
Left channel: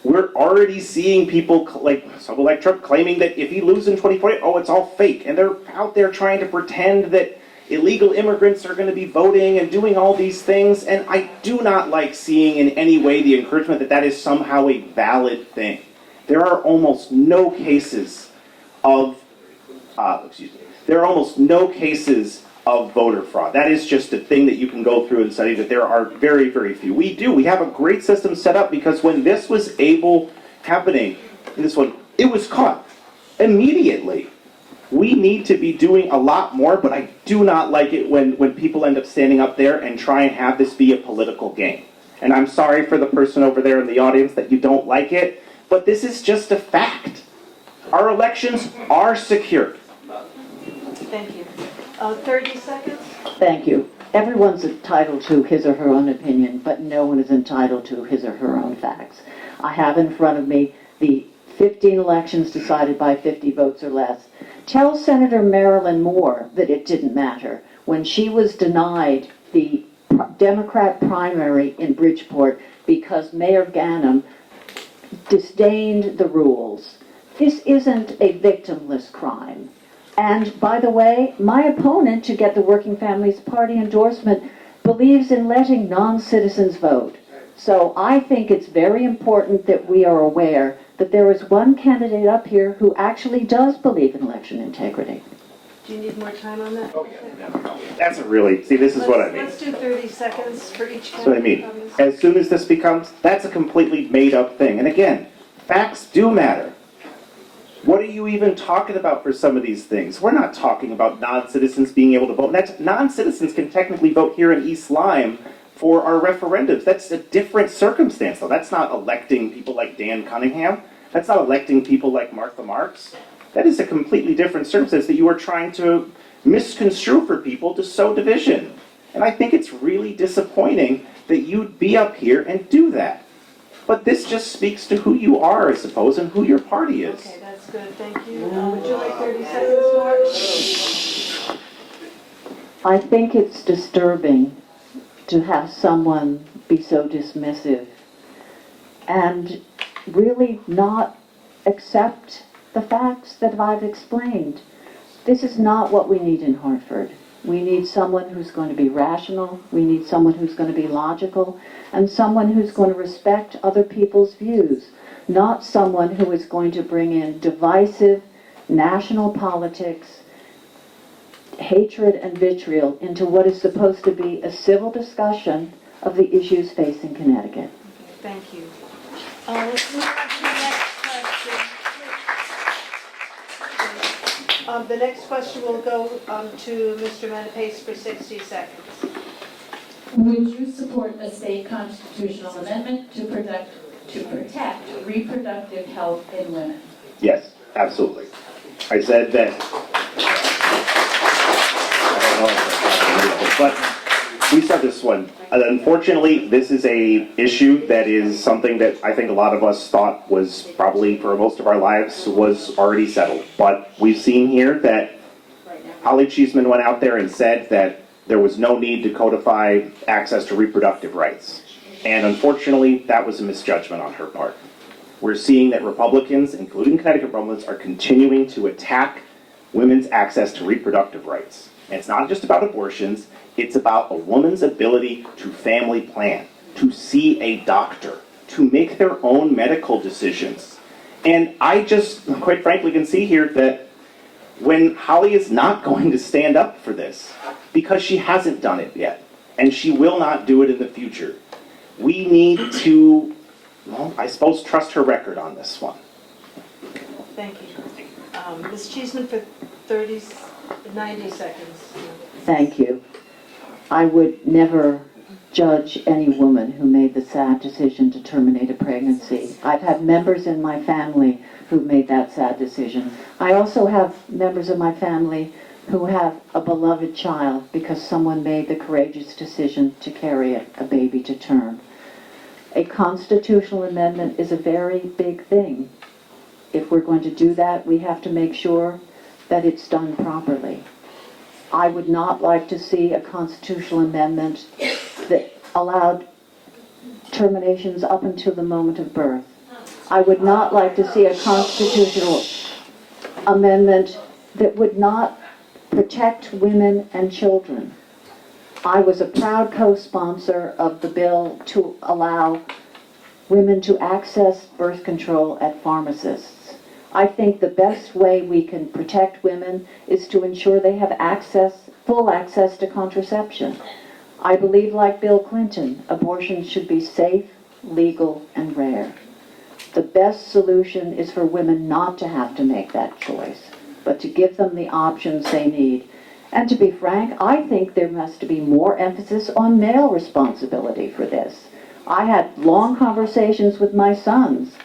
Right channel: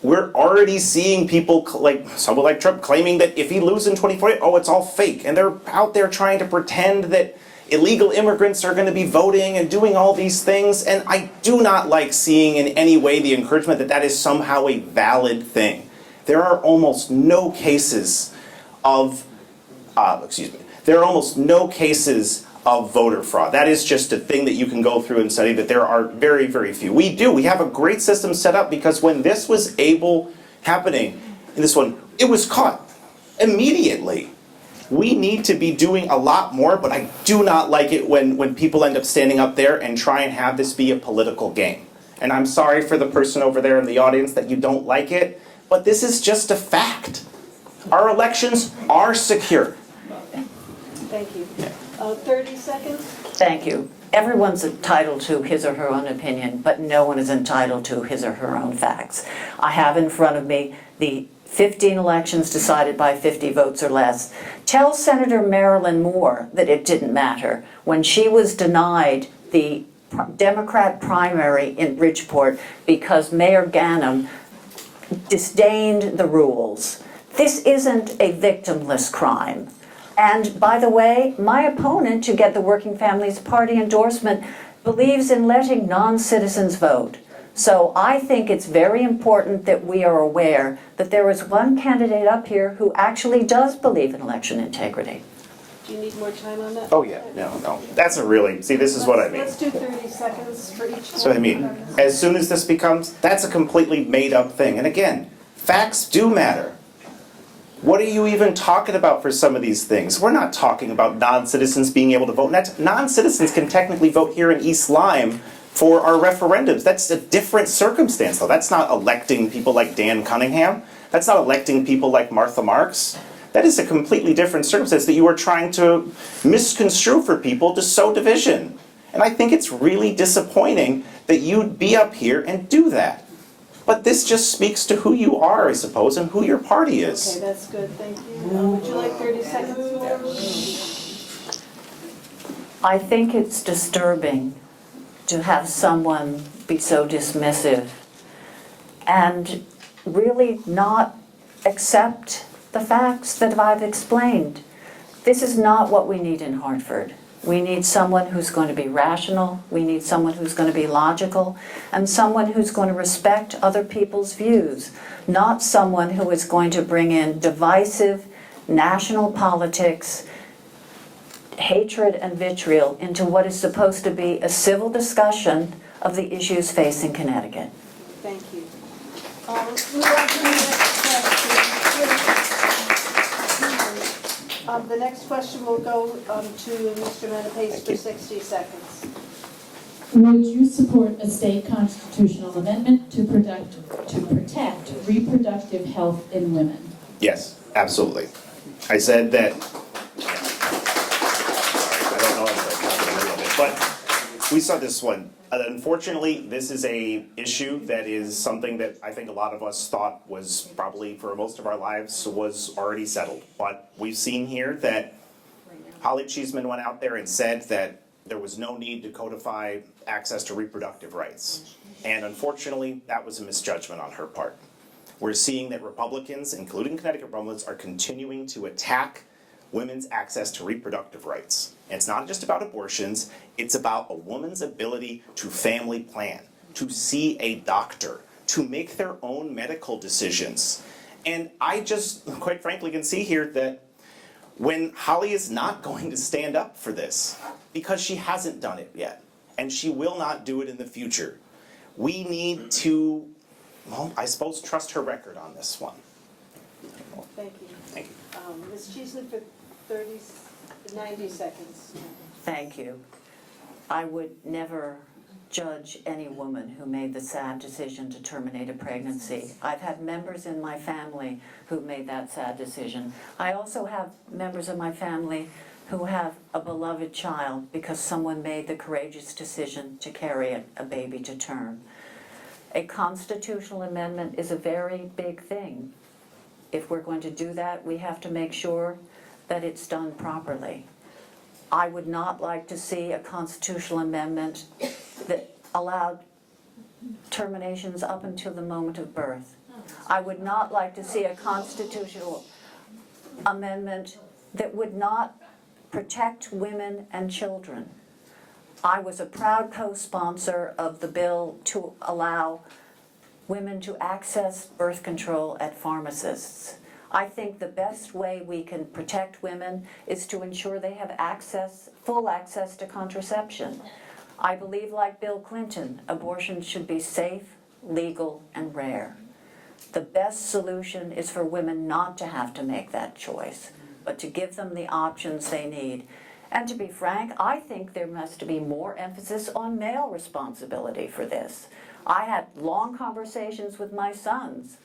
We're already seeing people, someone like Trump, claiming that if he loses in 2040, oh, it's all fake. And they're out there trying to pretend that illegal immigrants are going to be voting and doing all these things. And I do not like seeing in any way the encouragement that that is somehow a valid thing. There are almost no cases of, voter fraud. That is just a thing that you can go through and study, that there are very, very few. We have a great system set up, because when this was happening, in this one, it was caught immediately. We need to be doing a lot more, but I do not like it when people end up standing up there and try and have this be a political game. And I'm sorry for the person over there in the audience that you don't like it, but this is just a fact. Our elections are secure. Thank you. 30 seconds. Thank you. Everyone's entitled to his or her own opinion, but no one is entitled to his or her own facts. I have in front of me the 15 elections decided by 50 votes or less. Tell Senator Marilyn Moore that it didn't matter when she was denied the Democrat primary in Bridgeport because Mayor Ganim disdained the rules. This isn't a victimless crime. And by the way, my opponent to get the Working Families Party endorsement believes in letting non-citizens vote. So I think it's very important that we are aware that there is one candidate up here who actually does believe in election integrity. Do you need more time on that? Oh yeah, no. That's a really, this is what I mean. Let's do 30 seconds for each. That's what I mean. As soon as this becomes, that's a completely made up thing. And again, facts do matter. What are you even talking about for some of these things? We're not talking about non-citizens being able to vote. Non-citizens can technically vote here in East Lyme for our referendums. That's a different circumstance, though. That's not electing people like Dan Cunningham. That's not electing people like Martha Marks. That is a completely different circumstance that you are trying to misconstrue for people to sow division. And I think it's really disappointing that you'd be up here and do that. But this just speaks to who you are, I suppose, and who your party is. Okay, that's good, thank you. Would you like 30 seconds more? I think it's disturbing to have someone be so dismissive and really not accept the facts that I've explained. This is not what we need in Hartford. We need someone who's going to be rational, we need someone who's going to be logical, and someone who's going to respect other people's views, not someone who is going to bring in divisive national politics, hatred and vitriol into what is supposed to be a civil discussion of the issues facing Connecticut. Okay, thank you. Let's move on to the next question. The next question will go to Mr. Menapace for 60 seconds. Would you support a state constitutional amendment to protect reproductive health in women? Yes, absolutely. I said that. But we said this one. Unfortunately, this is a issue that is something that I think a lot of us thought was probably for most of our lives was already settled. But we've seen here that Holly Cheeseman went out there and said that there was no need to codify access to reproductive rights. And unfortunately, that was a misjudgment on her part. We're seeing that Republicans, including Connecticut Republicans, are continuing to attack women's access to reproductive rights. And it's not just about abortions, it's about a woman's ability to family plan, to see a doctor, to make their own medical decisions. And I just, quite frankly, can see here that when Holly is not going to stand up for this, because she hasn't done it yet, and she will not do it in the future, we need to, well, I suppose, trust her record on this one. Thank you. Ms. Cheeseman for 90 seconds. Thank you. I would never judge any woman who made the sad decision to terminate a pregnancy. I've had members in my family who made that sad decision. I also have members of my family who have a beloved child because someone made the courageous decision to carry a baby to term. A constitutional amendment is a very big thing. If we're going to do that, we have to make sure that it's done properly. I would not like to see a constitutional amendment that allowed terminations up until the moment of birth. I would not like to see a constitutional amendment that would not protect women and children. I was a proud co-sponsor of the bill to allow women to access birth control at pharmacists. I think the best way we can protect women is to ensure they have access, full access to contraception. I believe, like Bill Clinton, abortion should be safe, legal, and rare. The best solution is for women not to have to make that choice, but to give them the options they need. And to be frank, I think there must be more emphasis on male responsibility for this. I had long conversations with my sons.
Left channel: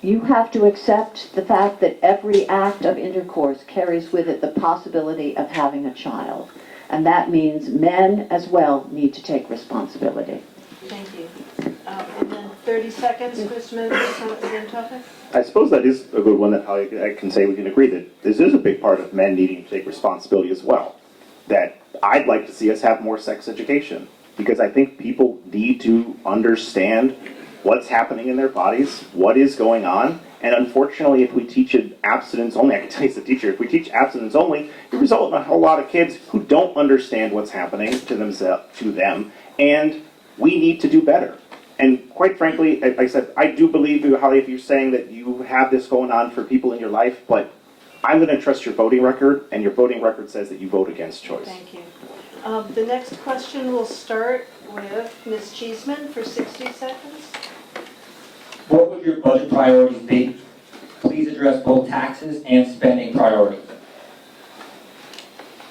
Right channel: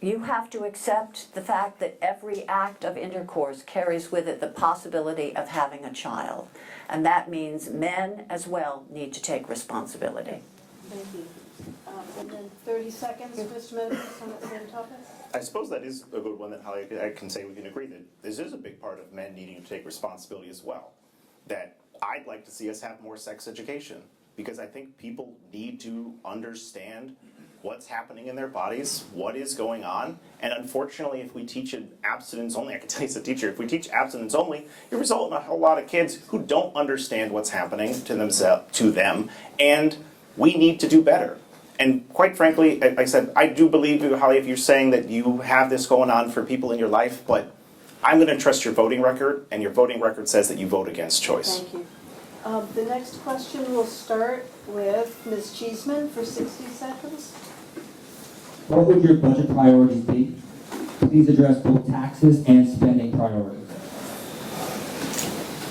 You have to accept the fact that every act of intercourse carries with it the possibility of having a child. And that means men as well need to take responsibility. Thank you. And then 30 seconds, Mr. Menapace, on the same topic. I suppose that is a good one that I can say we can agree that this is a big part of men needing to take responsibility as well. That I'd like to see us have more sex education, because I think people need to understand what's happening in their bodies, what is going on, and unfortunately if we teach it abstinence only, I can tell you as a teacher, if we teach abstinence only, it results in a whole lot of kids who don't understand what's happening to them, and we need to do better. And quite frankly, I said, I do believe you, Holly, if you're saying that you have this going on for people in your life, but I'm going to trust your voting record, and your voting record says that you vote against choice. Thank you. The next question will start with Ms. Cheeseman for 60 seconds. What would your budget priorities be? Please address both taxes and spending priorities.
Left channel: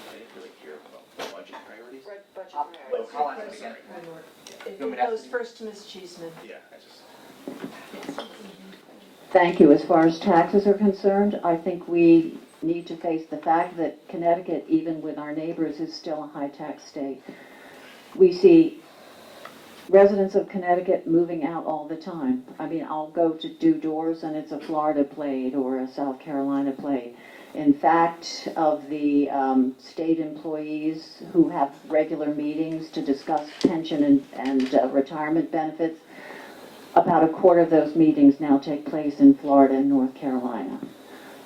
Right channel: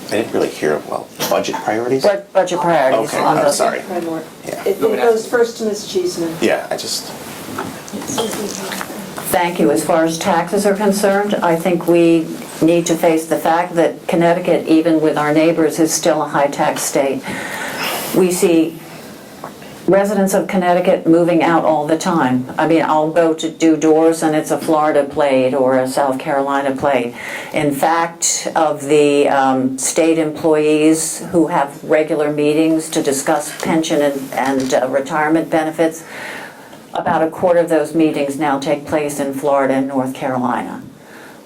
I didn't really hear well. Budget priorities? Budget priorities. Okay, I'm sorry. It goes first to Ms. Cheeseman. Yeah, I just. Thank you. As far as taxes are concerned, I think we need to face the fact that Connecticut, even with our neighbors, is still a high-tax state. We see residents of Connecticut moving out all the time. I mean, I'll go to do doors and it's a Florida plate or a South Carolina plate. In fact, of the state employees who have regular meetings to discuss pension and retirement benefits, about a quarter of those meetings now take place in Florida and North Carolina.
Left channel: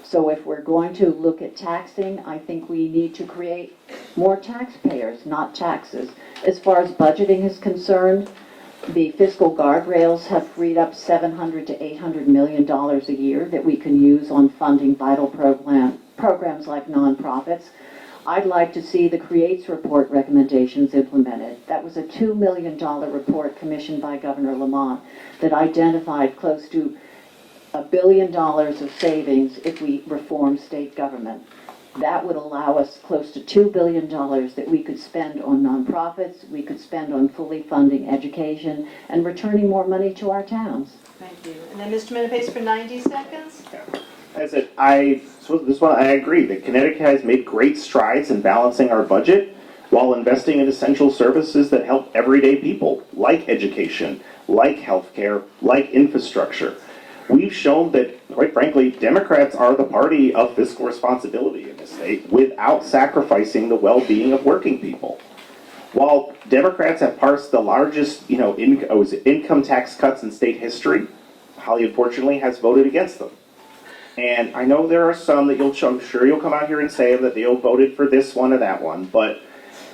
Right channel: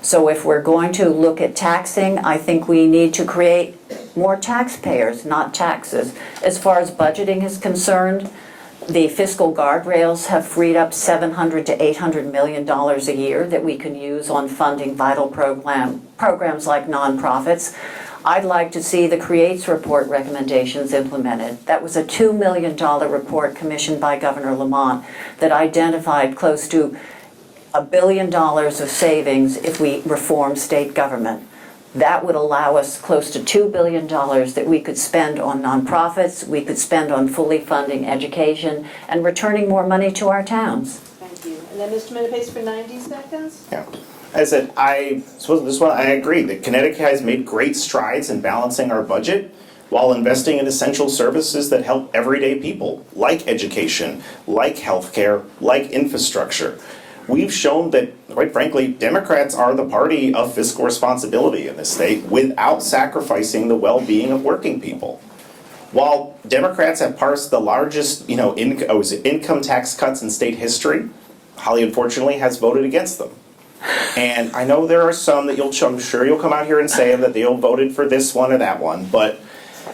So if we're going to look at taxing, I think we need to create more taxpayers, not taxes. As far as budgeting is concerned, the fiscal guardrails have freed up $700 to $800 million a year that we can use on funding vital programs like nonprofits. I'd like to see the CREATES report recommendations implemented. That was a $2 million report commissioned by Governor Lamont that identified close to $1 billion of savings if we reform state government. That would allow us close to $2 billion that we could spend on nonprofits, we could spend on fully funding education, and returning more money to our towns. Thank you. And then Mr. Menapace for 90 seconds. Yeah. As I said, I suppose this one, I agree that Connecticut has made great strides in balancing our budget while investing in essential services that help everyday people, like education, like healthcare, like infrastructure. We've shown that, quite frankly, Democrats are the party of fiscal responsibility in this state without sacrificing the well-being of working people. While Democrats have passed the largest, income tax cuts in state history, Holly unfortunately has voted against them. And I know there are some that I'm sure you'll come out here and say that they'll voted for this one or that one, but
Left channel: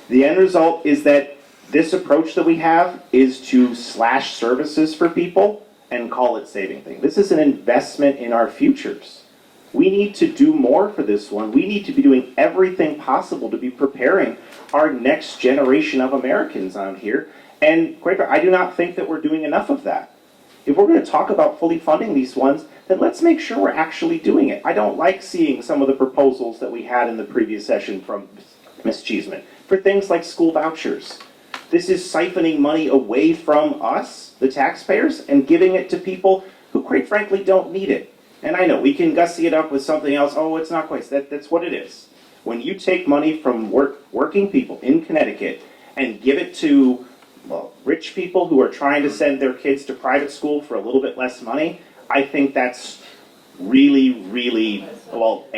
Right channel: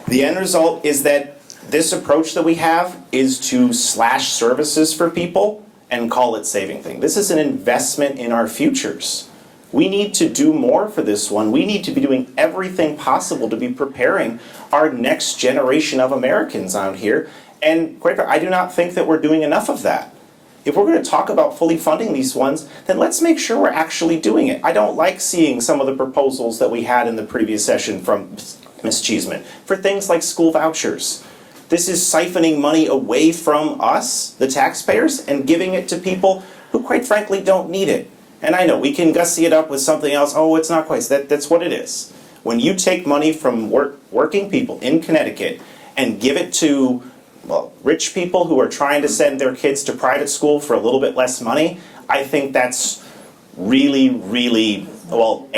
the end result is that this approach that we have is to slash services for people and call it saving thing. This is an investment in our futures. We need to do more for this one. We need to be doing everything possible to be preparing our next generation of Americans out here. And quite frankly, I do not think that we're doing enough of that. If we're going to talk about fully funding these ones, then let's make sure we're actually doing it. I don't like seeing some of the proposals that we had in the previous session from Ms. Cheeseman for things like school vouchers. This is siphoning money away from us, the taxpayers, and giving it to people who quite frankly don't need it. And I know we can gussy it up with something else. Oh, it's not quite. That's what it is. When you take money from working people in Connecticut and give it to, well, rich people who are trying to send their kids to private school for a little bit less money, I think that's really, really, well,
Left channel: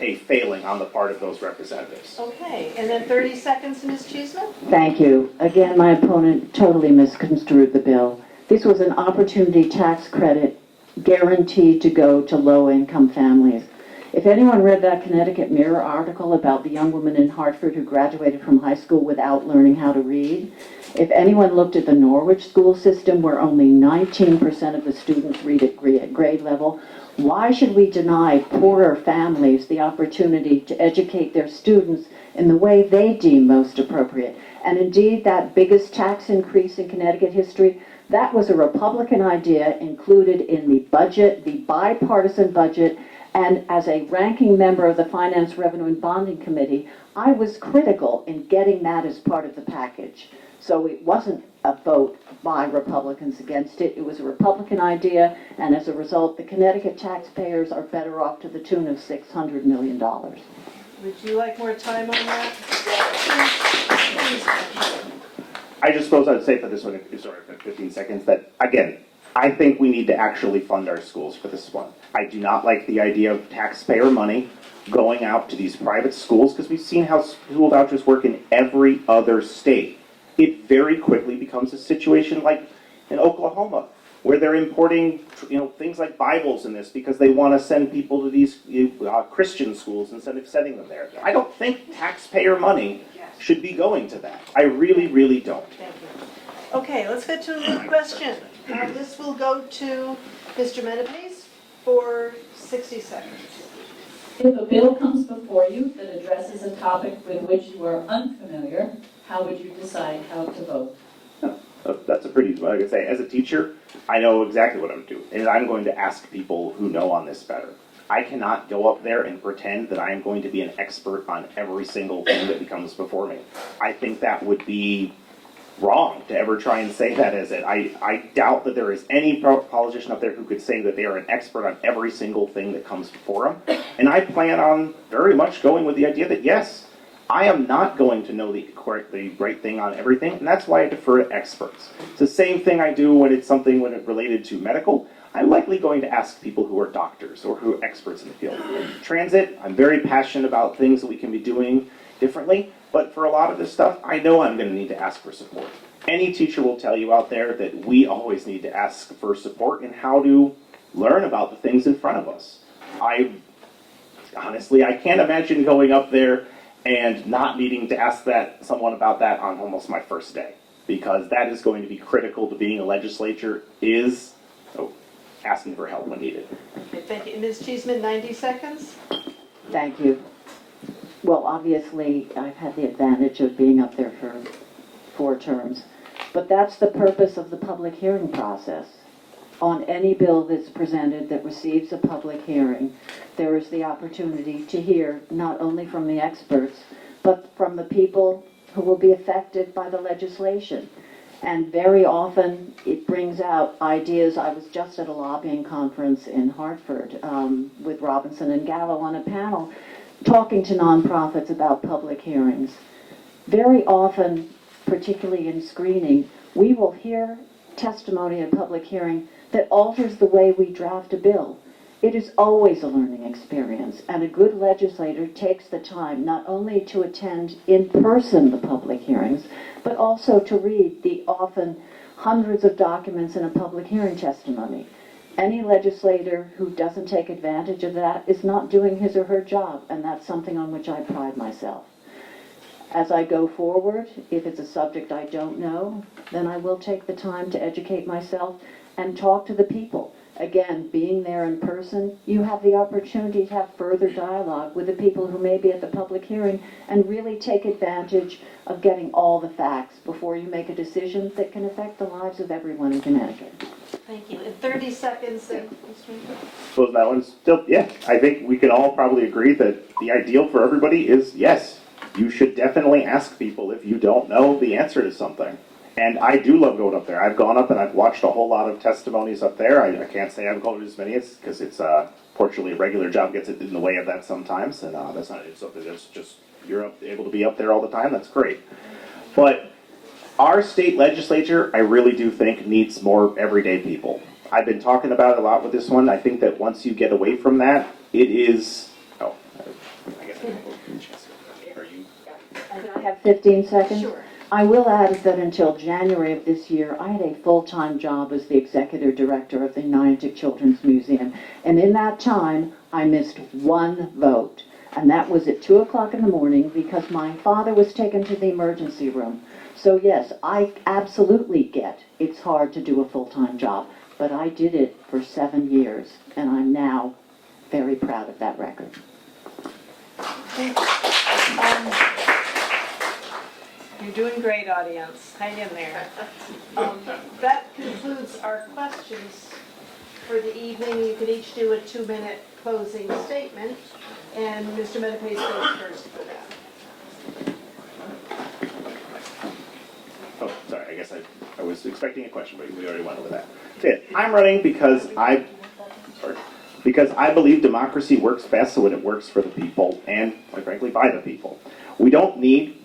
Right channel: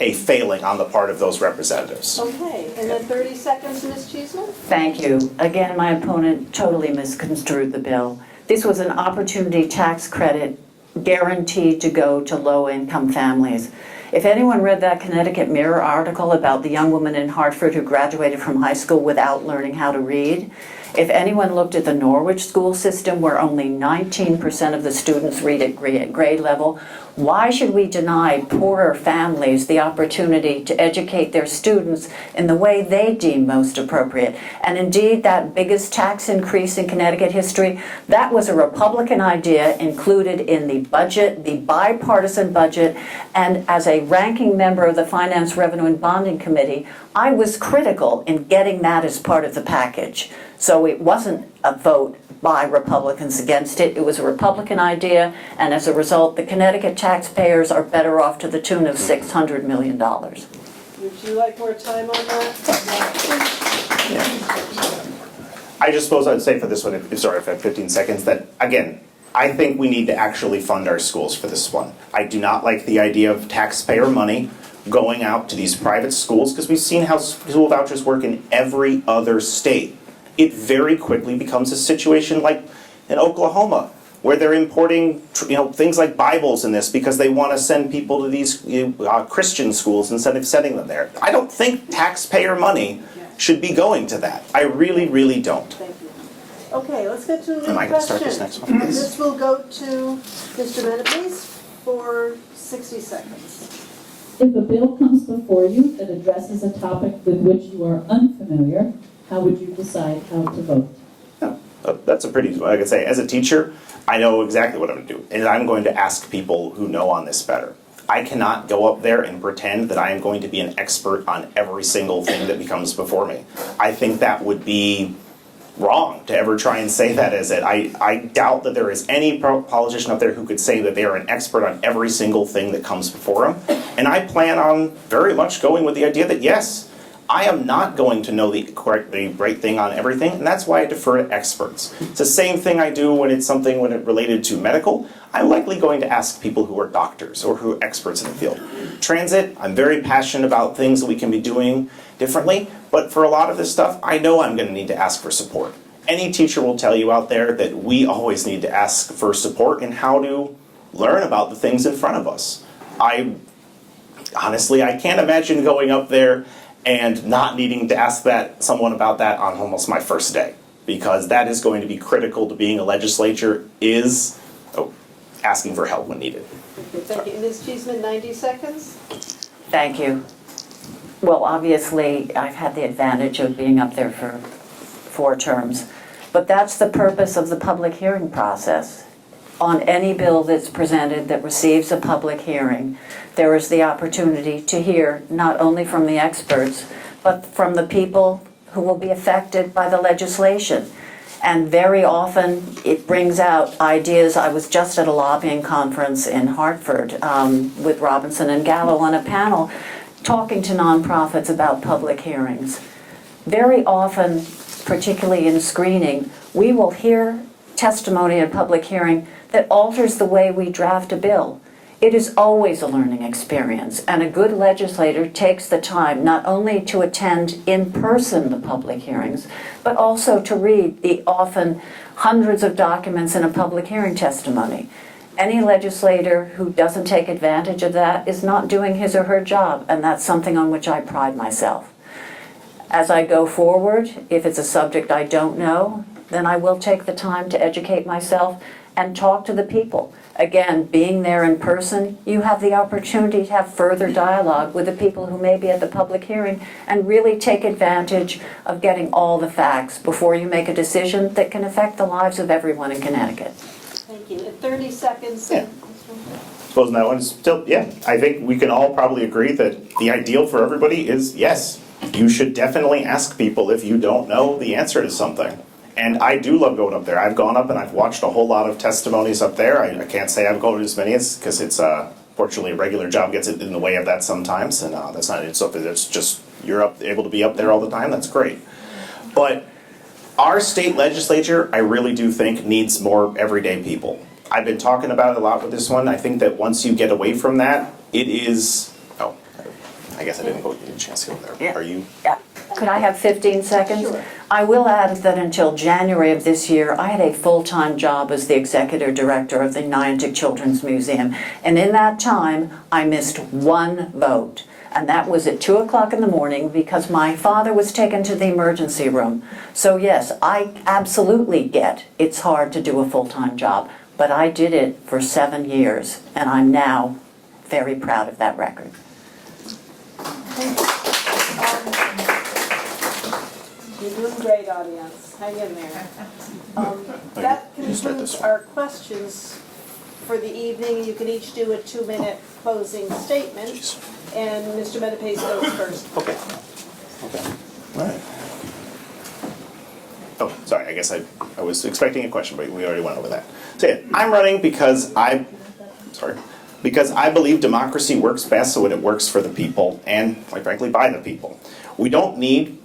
a failing on the part of those representatives. Okay, and then 30 seconds, Ms. Cheeseman. Thank you. Again, my opponent totally misconstrued the bill. This was an opportunity tax credit guaranteed to go to low-income families. If anyone read that Connecticut Mirror article about the young woman in Hartford who graduated from high school without learning how to read, if anyone looked at the Norwich school system where only 19% of the students read at grade level, why should we deny poorer families the opportunity to educate their students in the way they deem most appropriate? And indeed, that biggest tax increase in Connecticut history, that was a Republican idea included in the budget, the bipartisan budget, and as a ranking member of the Finance, Revenue, and Bonding Committee, I was critical in getting that as part of the package. So it wasn't a vote by Republicans against it. It was a Republican idea, and as a result, the Connecticut taxpayers are better off to the tune of $600 million. Would you like more time on that? I just suppose I'd say for this one, sorry if I have 15 seconds, that again, I think we need to actually fund our schools for this one. I do not like the idea of taxpayer money going out to these private schools because we've seen how school vouchers work in every other state. It very quickly becomes a situation like in Oklahoma, where they're importing, things like Bibles in this because they want to send people to these Christian schools instead of sending them there. I don't think taxpayer money should be going to that. I really, really don't. Thank you. Okay, let's get to Am I gonna start questions. this next one? This will go to Mr. Menapace for 60 seconds. If a bill comes before you that addresses a topic with which you are unfamiliar, how would you decide how to vote? That's a pretty, like I say, as a teacher, I know exactly what I'm going to do, and I'm going to ask people who know on this better. I cannot go up there and pretend that I am going to be an expert on every single thing that comes before me. I think that would be wrong to ever try and say that as it. I doubt that there is any politician up there who could say that they are an expert on every single thing that comes before them. And I plan on very much going with the idea that yes, I am not going to know the right thing on everything, and that's why I defer to experts. It's the same thing I do when it's related to medical. I'm likely going to ask people who are doctors or who are experts in the field. Transit, I'm very passionate about things that we can be doing differently, but for a lot of this stuff, I know I'm going to need to ask for support. Any teacher will tell you out there that we always need to ask for support in how to learn about the things in front of us. Honestly, I can't imagine going up there and not needing to ask someone about that on almost my first day, because that is going to be critical to being a legislature, is asking for help when needed. Okay, thank you. Ms. Cheeseman, 90 seconds. Thank you. Well, obviously, I've had the advantage of being up there for 4 terms, but that's the purpose of the public hearing process. on any bill that's presented that receives a public hearing, there is the opportunity to hear not only from the experts, but from the people who will be affected by the legislation. And very often it brings out ideas. I was just at a lobbying conference in Hartford with Robinson and Gallo on a panel talking to nonprofits about public hearings. Very often, particularly in screening, we will hear testimony at a public hearing that alters the way we draft a bill. It is always a learning experience, and a good legislator takes the time not only to attend in person the public hearings, but also to read the often hundreds of documents in a public hearing testimony. Any legislator who doesn't take advantage of that is not doing his or her job, and that's something on which I pride myself. As I go forward, if it's a subject I don't know, then I will take the time to educate myself and talk to the people. Again, being there in person, you have the opportunity to have further dialogue with the people who may be at the public hearing and really take advantage of getting all the facts before you make a decision that can affect the lives of everyone in Connecticut. Thank you. In 30 seconds. Yeah. Suppose that one's still, yeah, I think we can all probably agree that the ideal for everybody is, yes, you should definitely ask people if you don't know the answer to something. And I do love going up there. I've gone up and I've watched a whole lot of testimonies up there. I can't say I've gone to as many as, because it's, fortunately, a regular job gets in the way of that sometimes, and that's not it. So if it's just, you're able to be up there all the time, that's great. But our state legislature, I really do think, needs more everyday people. I've been talking about it a lot with this one. I think that once you get away from that, it is, oh, I guess I didn't get a chance to go there. Yeah. Are you? Yeah. Could I have 15 seconds? Sure. I will add that until January of this year, I had a full-time job as the executive director of the Niantic Children's Museum. And in that time, I missed one vote. And that was at 2 o'clock in the morning because my father was taken to the emergency room. So yes, I absolutely get it's hard to do a full-time job. But I did it for 7 years, and I'm now very proud of that record. You're doing great, audience. Hang in there. That concludes our questions for the evening. You can each do a 2-minute closing statement, and Mr. Menapace goes first. Okay. Okay. All right. Oh, sorry, I guess I was expecting a question, but we already went over that. So yeah, I'm running because I believe democracy works best when it works for the people and, quite frankly, by the people. We don't need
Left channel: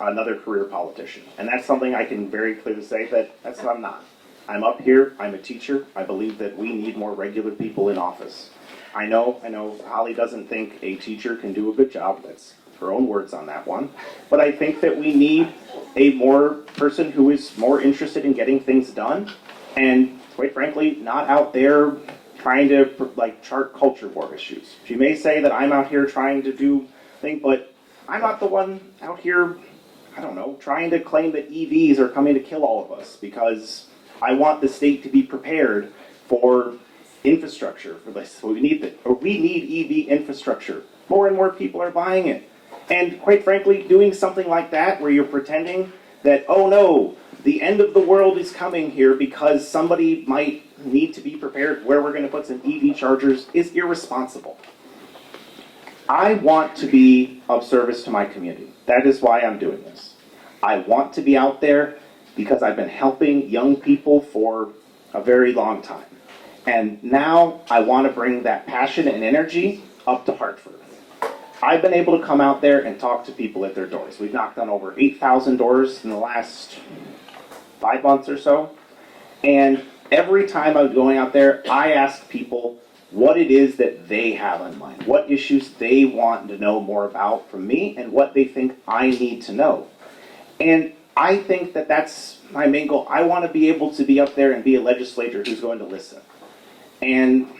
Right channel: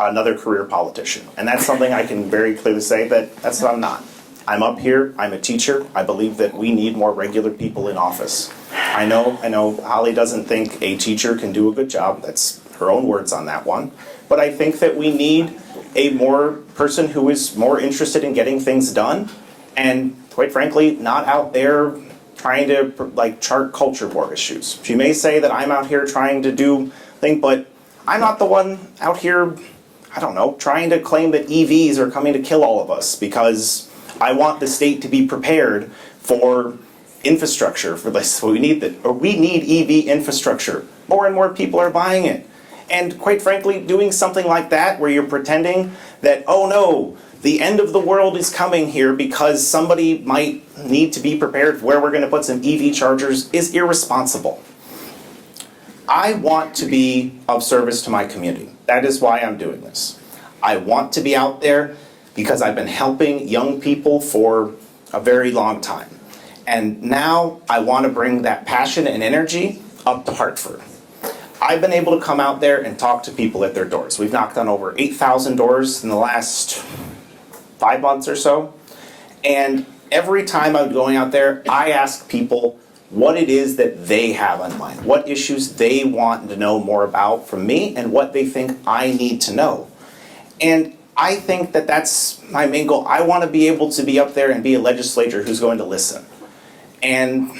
another career politician, and that's something I can very clearly say that that's what I'm not. I'm up here, I'm a teacher, I believe that we need more regular people in office. I know Holly doesn't think a teacher can do a good job, that's her own words on that one, but I think that we need a more person who is more interested in getting things done, and quite frankly, not out there trying to like chart culture war issues. She may say that I'm out here trying to do things, but I'm not the one out here, I don't know, trying to claim that EVs are coming to kill all of us, because I want the state to be prepared for infrastructure for this. We need EV infrastructure. More and more people are buying it. And quite frankly, doing something like that where you're pretending that, oh no, the end of the world is coming here because somebody might need to be prepared for where we're going to put some EV chargers is irresponsible. I want to be of service to my community. That is why I'm doing this. I want to be out there because I've been helping young people for a very long time. And now I want to bring that passion and energy up to Hartford. I've been able to come out there and talk to people at their doors. We've knocked on over 8,000 doors in the last 5 months or so. And every time I'm going out there, I ask people what it is that they have on mind, what issues they want to know more about from me, and what they think I need to know. And I think that that's my main goal. I want to be able to be up there and be a legislator who's going to listen. And,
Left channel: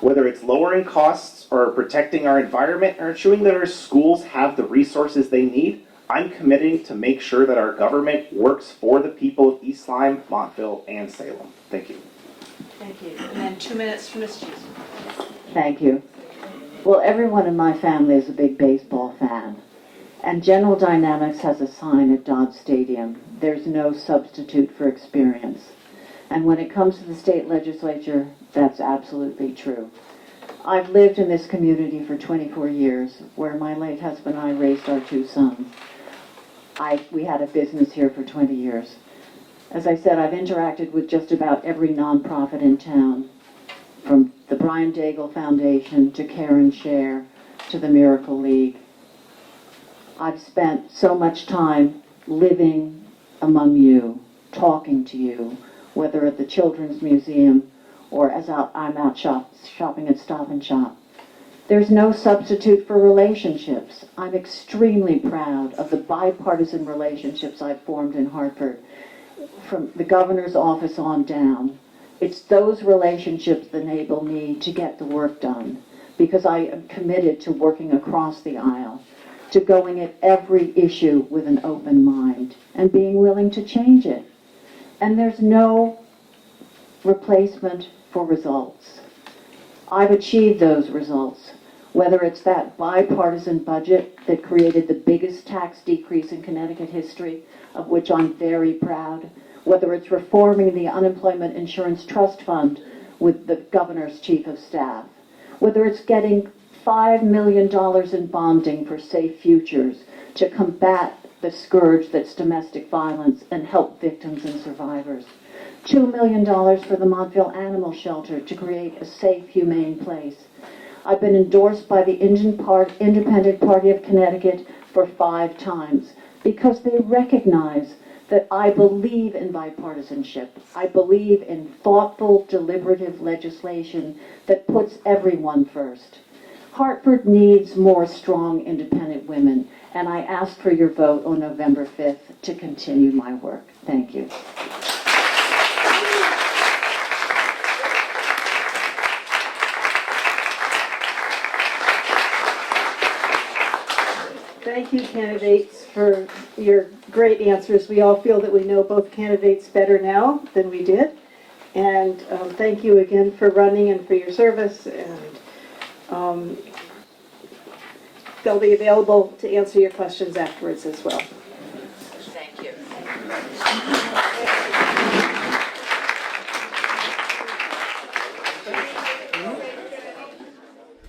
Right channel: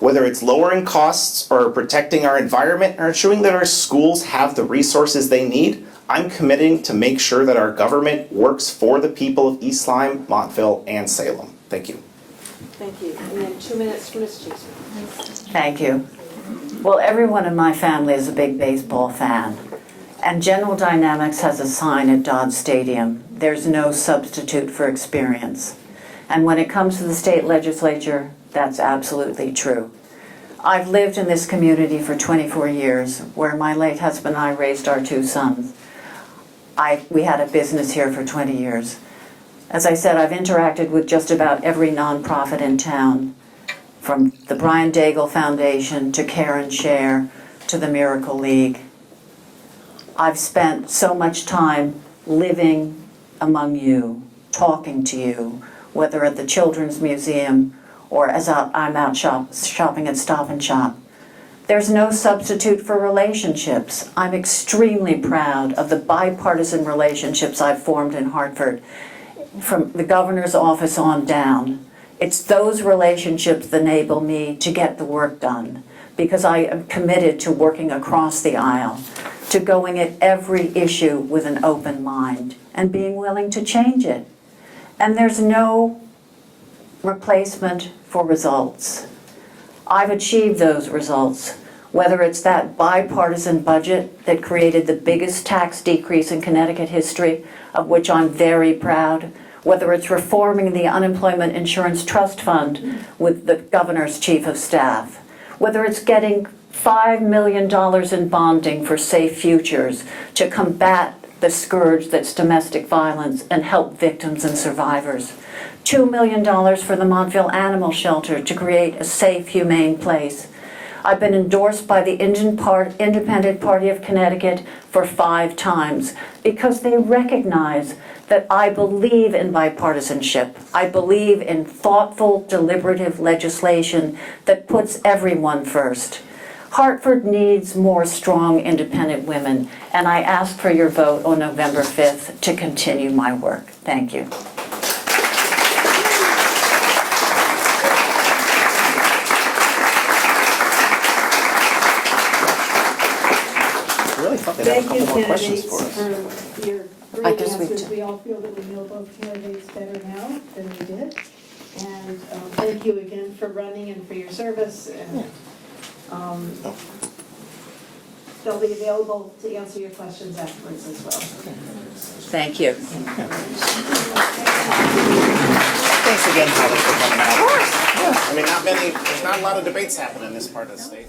whether it's lowering costs or protecting our environment or ensuring that our schools have the resources they need, I'm committing to make sure that our government works for the people of East Lyme, Montville, and Salem. Thank you. Thank you. And then 2 minutes for Ms. Cheeseman. Thank you. Well, everyone in my family is a big baseball fan. And General Dynamics has a sign at Dodge Stadium, "There's no substitute for experience." And when it comes to the state legislature, that's absolutely true. I've lived in this community for 24 years, where my late husband and I raised our 2 sons. We had a business here for 20 years. As I said, I've interacted with just about every nonprofit in town, from the Brian Daigle Foundation to Care and Share to the Miracle League. I've spent so much time living among you, talking to you, whether at the Children's Museum or as I'm out shopping at Stop and Shop. There's no substitute for relationships. I'm extremely proud of the bipartisan relationships I've formed in Hartford, from the governor's office on down. It's those relationships that enable me to get the work done, because I am committed to working across the aisle, to going at every issue with an open mind and being willing to change it. And there's no replacement for results. I've achieved those results, whether it's that bipartisan budget that created the biggest tax decrease in Connecticut history, of which I'm very proud, whether it's reforming the Unemployment Insurance Trust Fund with the governor's chief of staff, whether it's getting $5 million in bonding for safe futures to combat the scourge that's domestic violence and help victims and survivors, $2 million for the Montville Animal Shelter to create a safe, humane place. I've been endorsed by the Independent Party of Connecticut for 5 times because they recognize that I believe in bipartisanship. I believe in thoughtful, deliberative legislation that puts everyone first. Hartford needs more strong, independent women, and I ask for your vote on November 5th to continue my work. Thank you. Thank you, candidates, for your great answers. We all feel that we know both candidates better now than we did. And thank you again for running and for your service. And they'll be available to answer your questions afterwards as well. Thank you. Thanks again, Holly, for coming out. Of course. Yeah. I mean, there's not a lot of debates happening in this part of the state.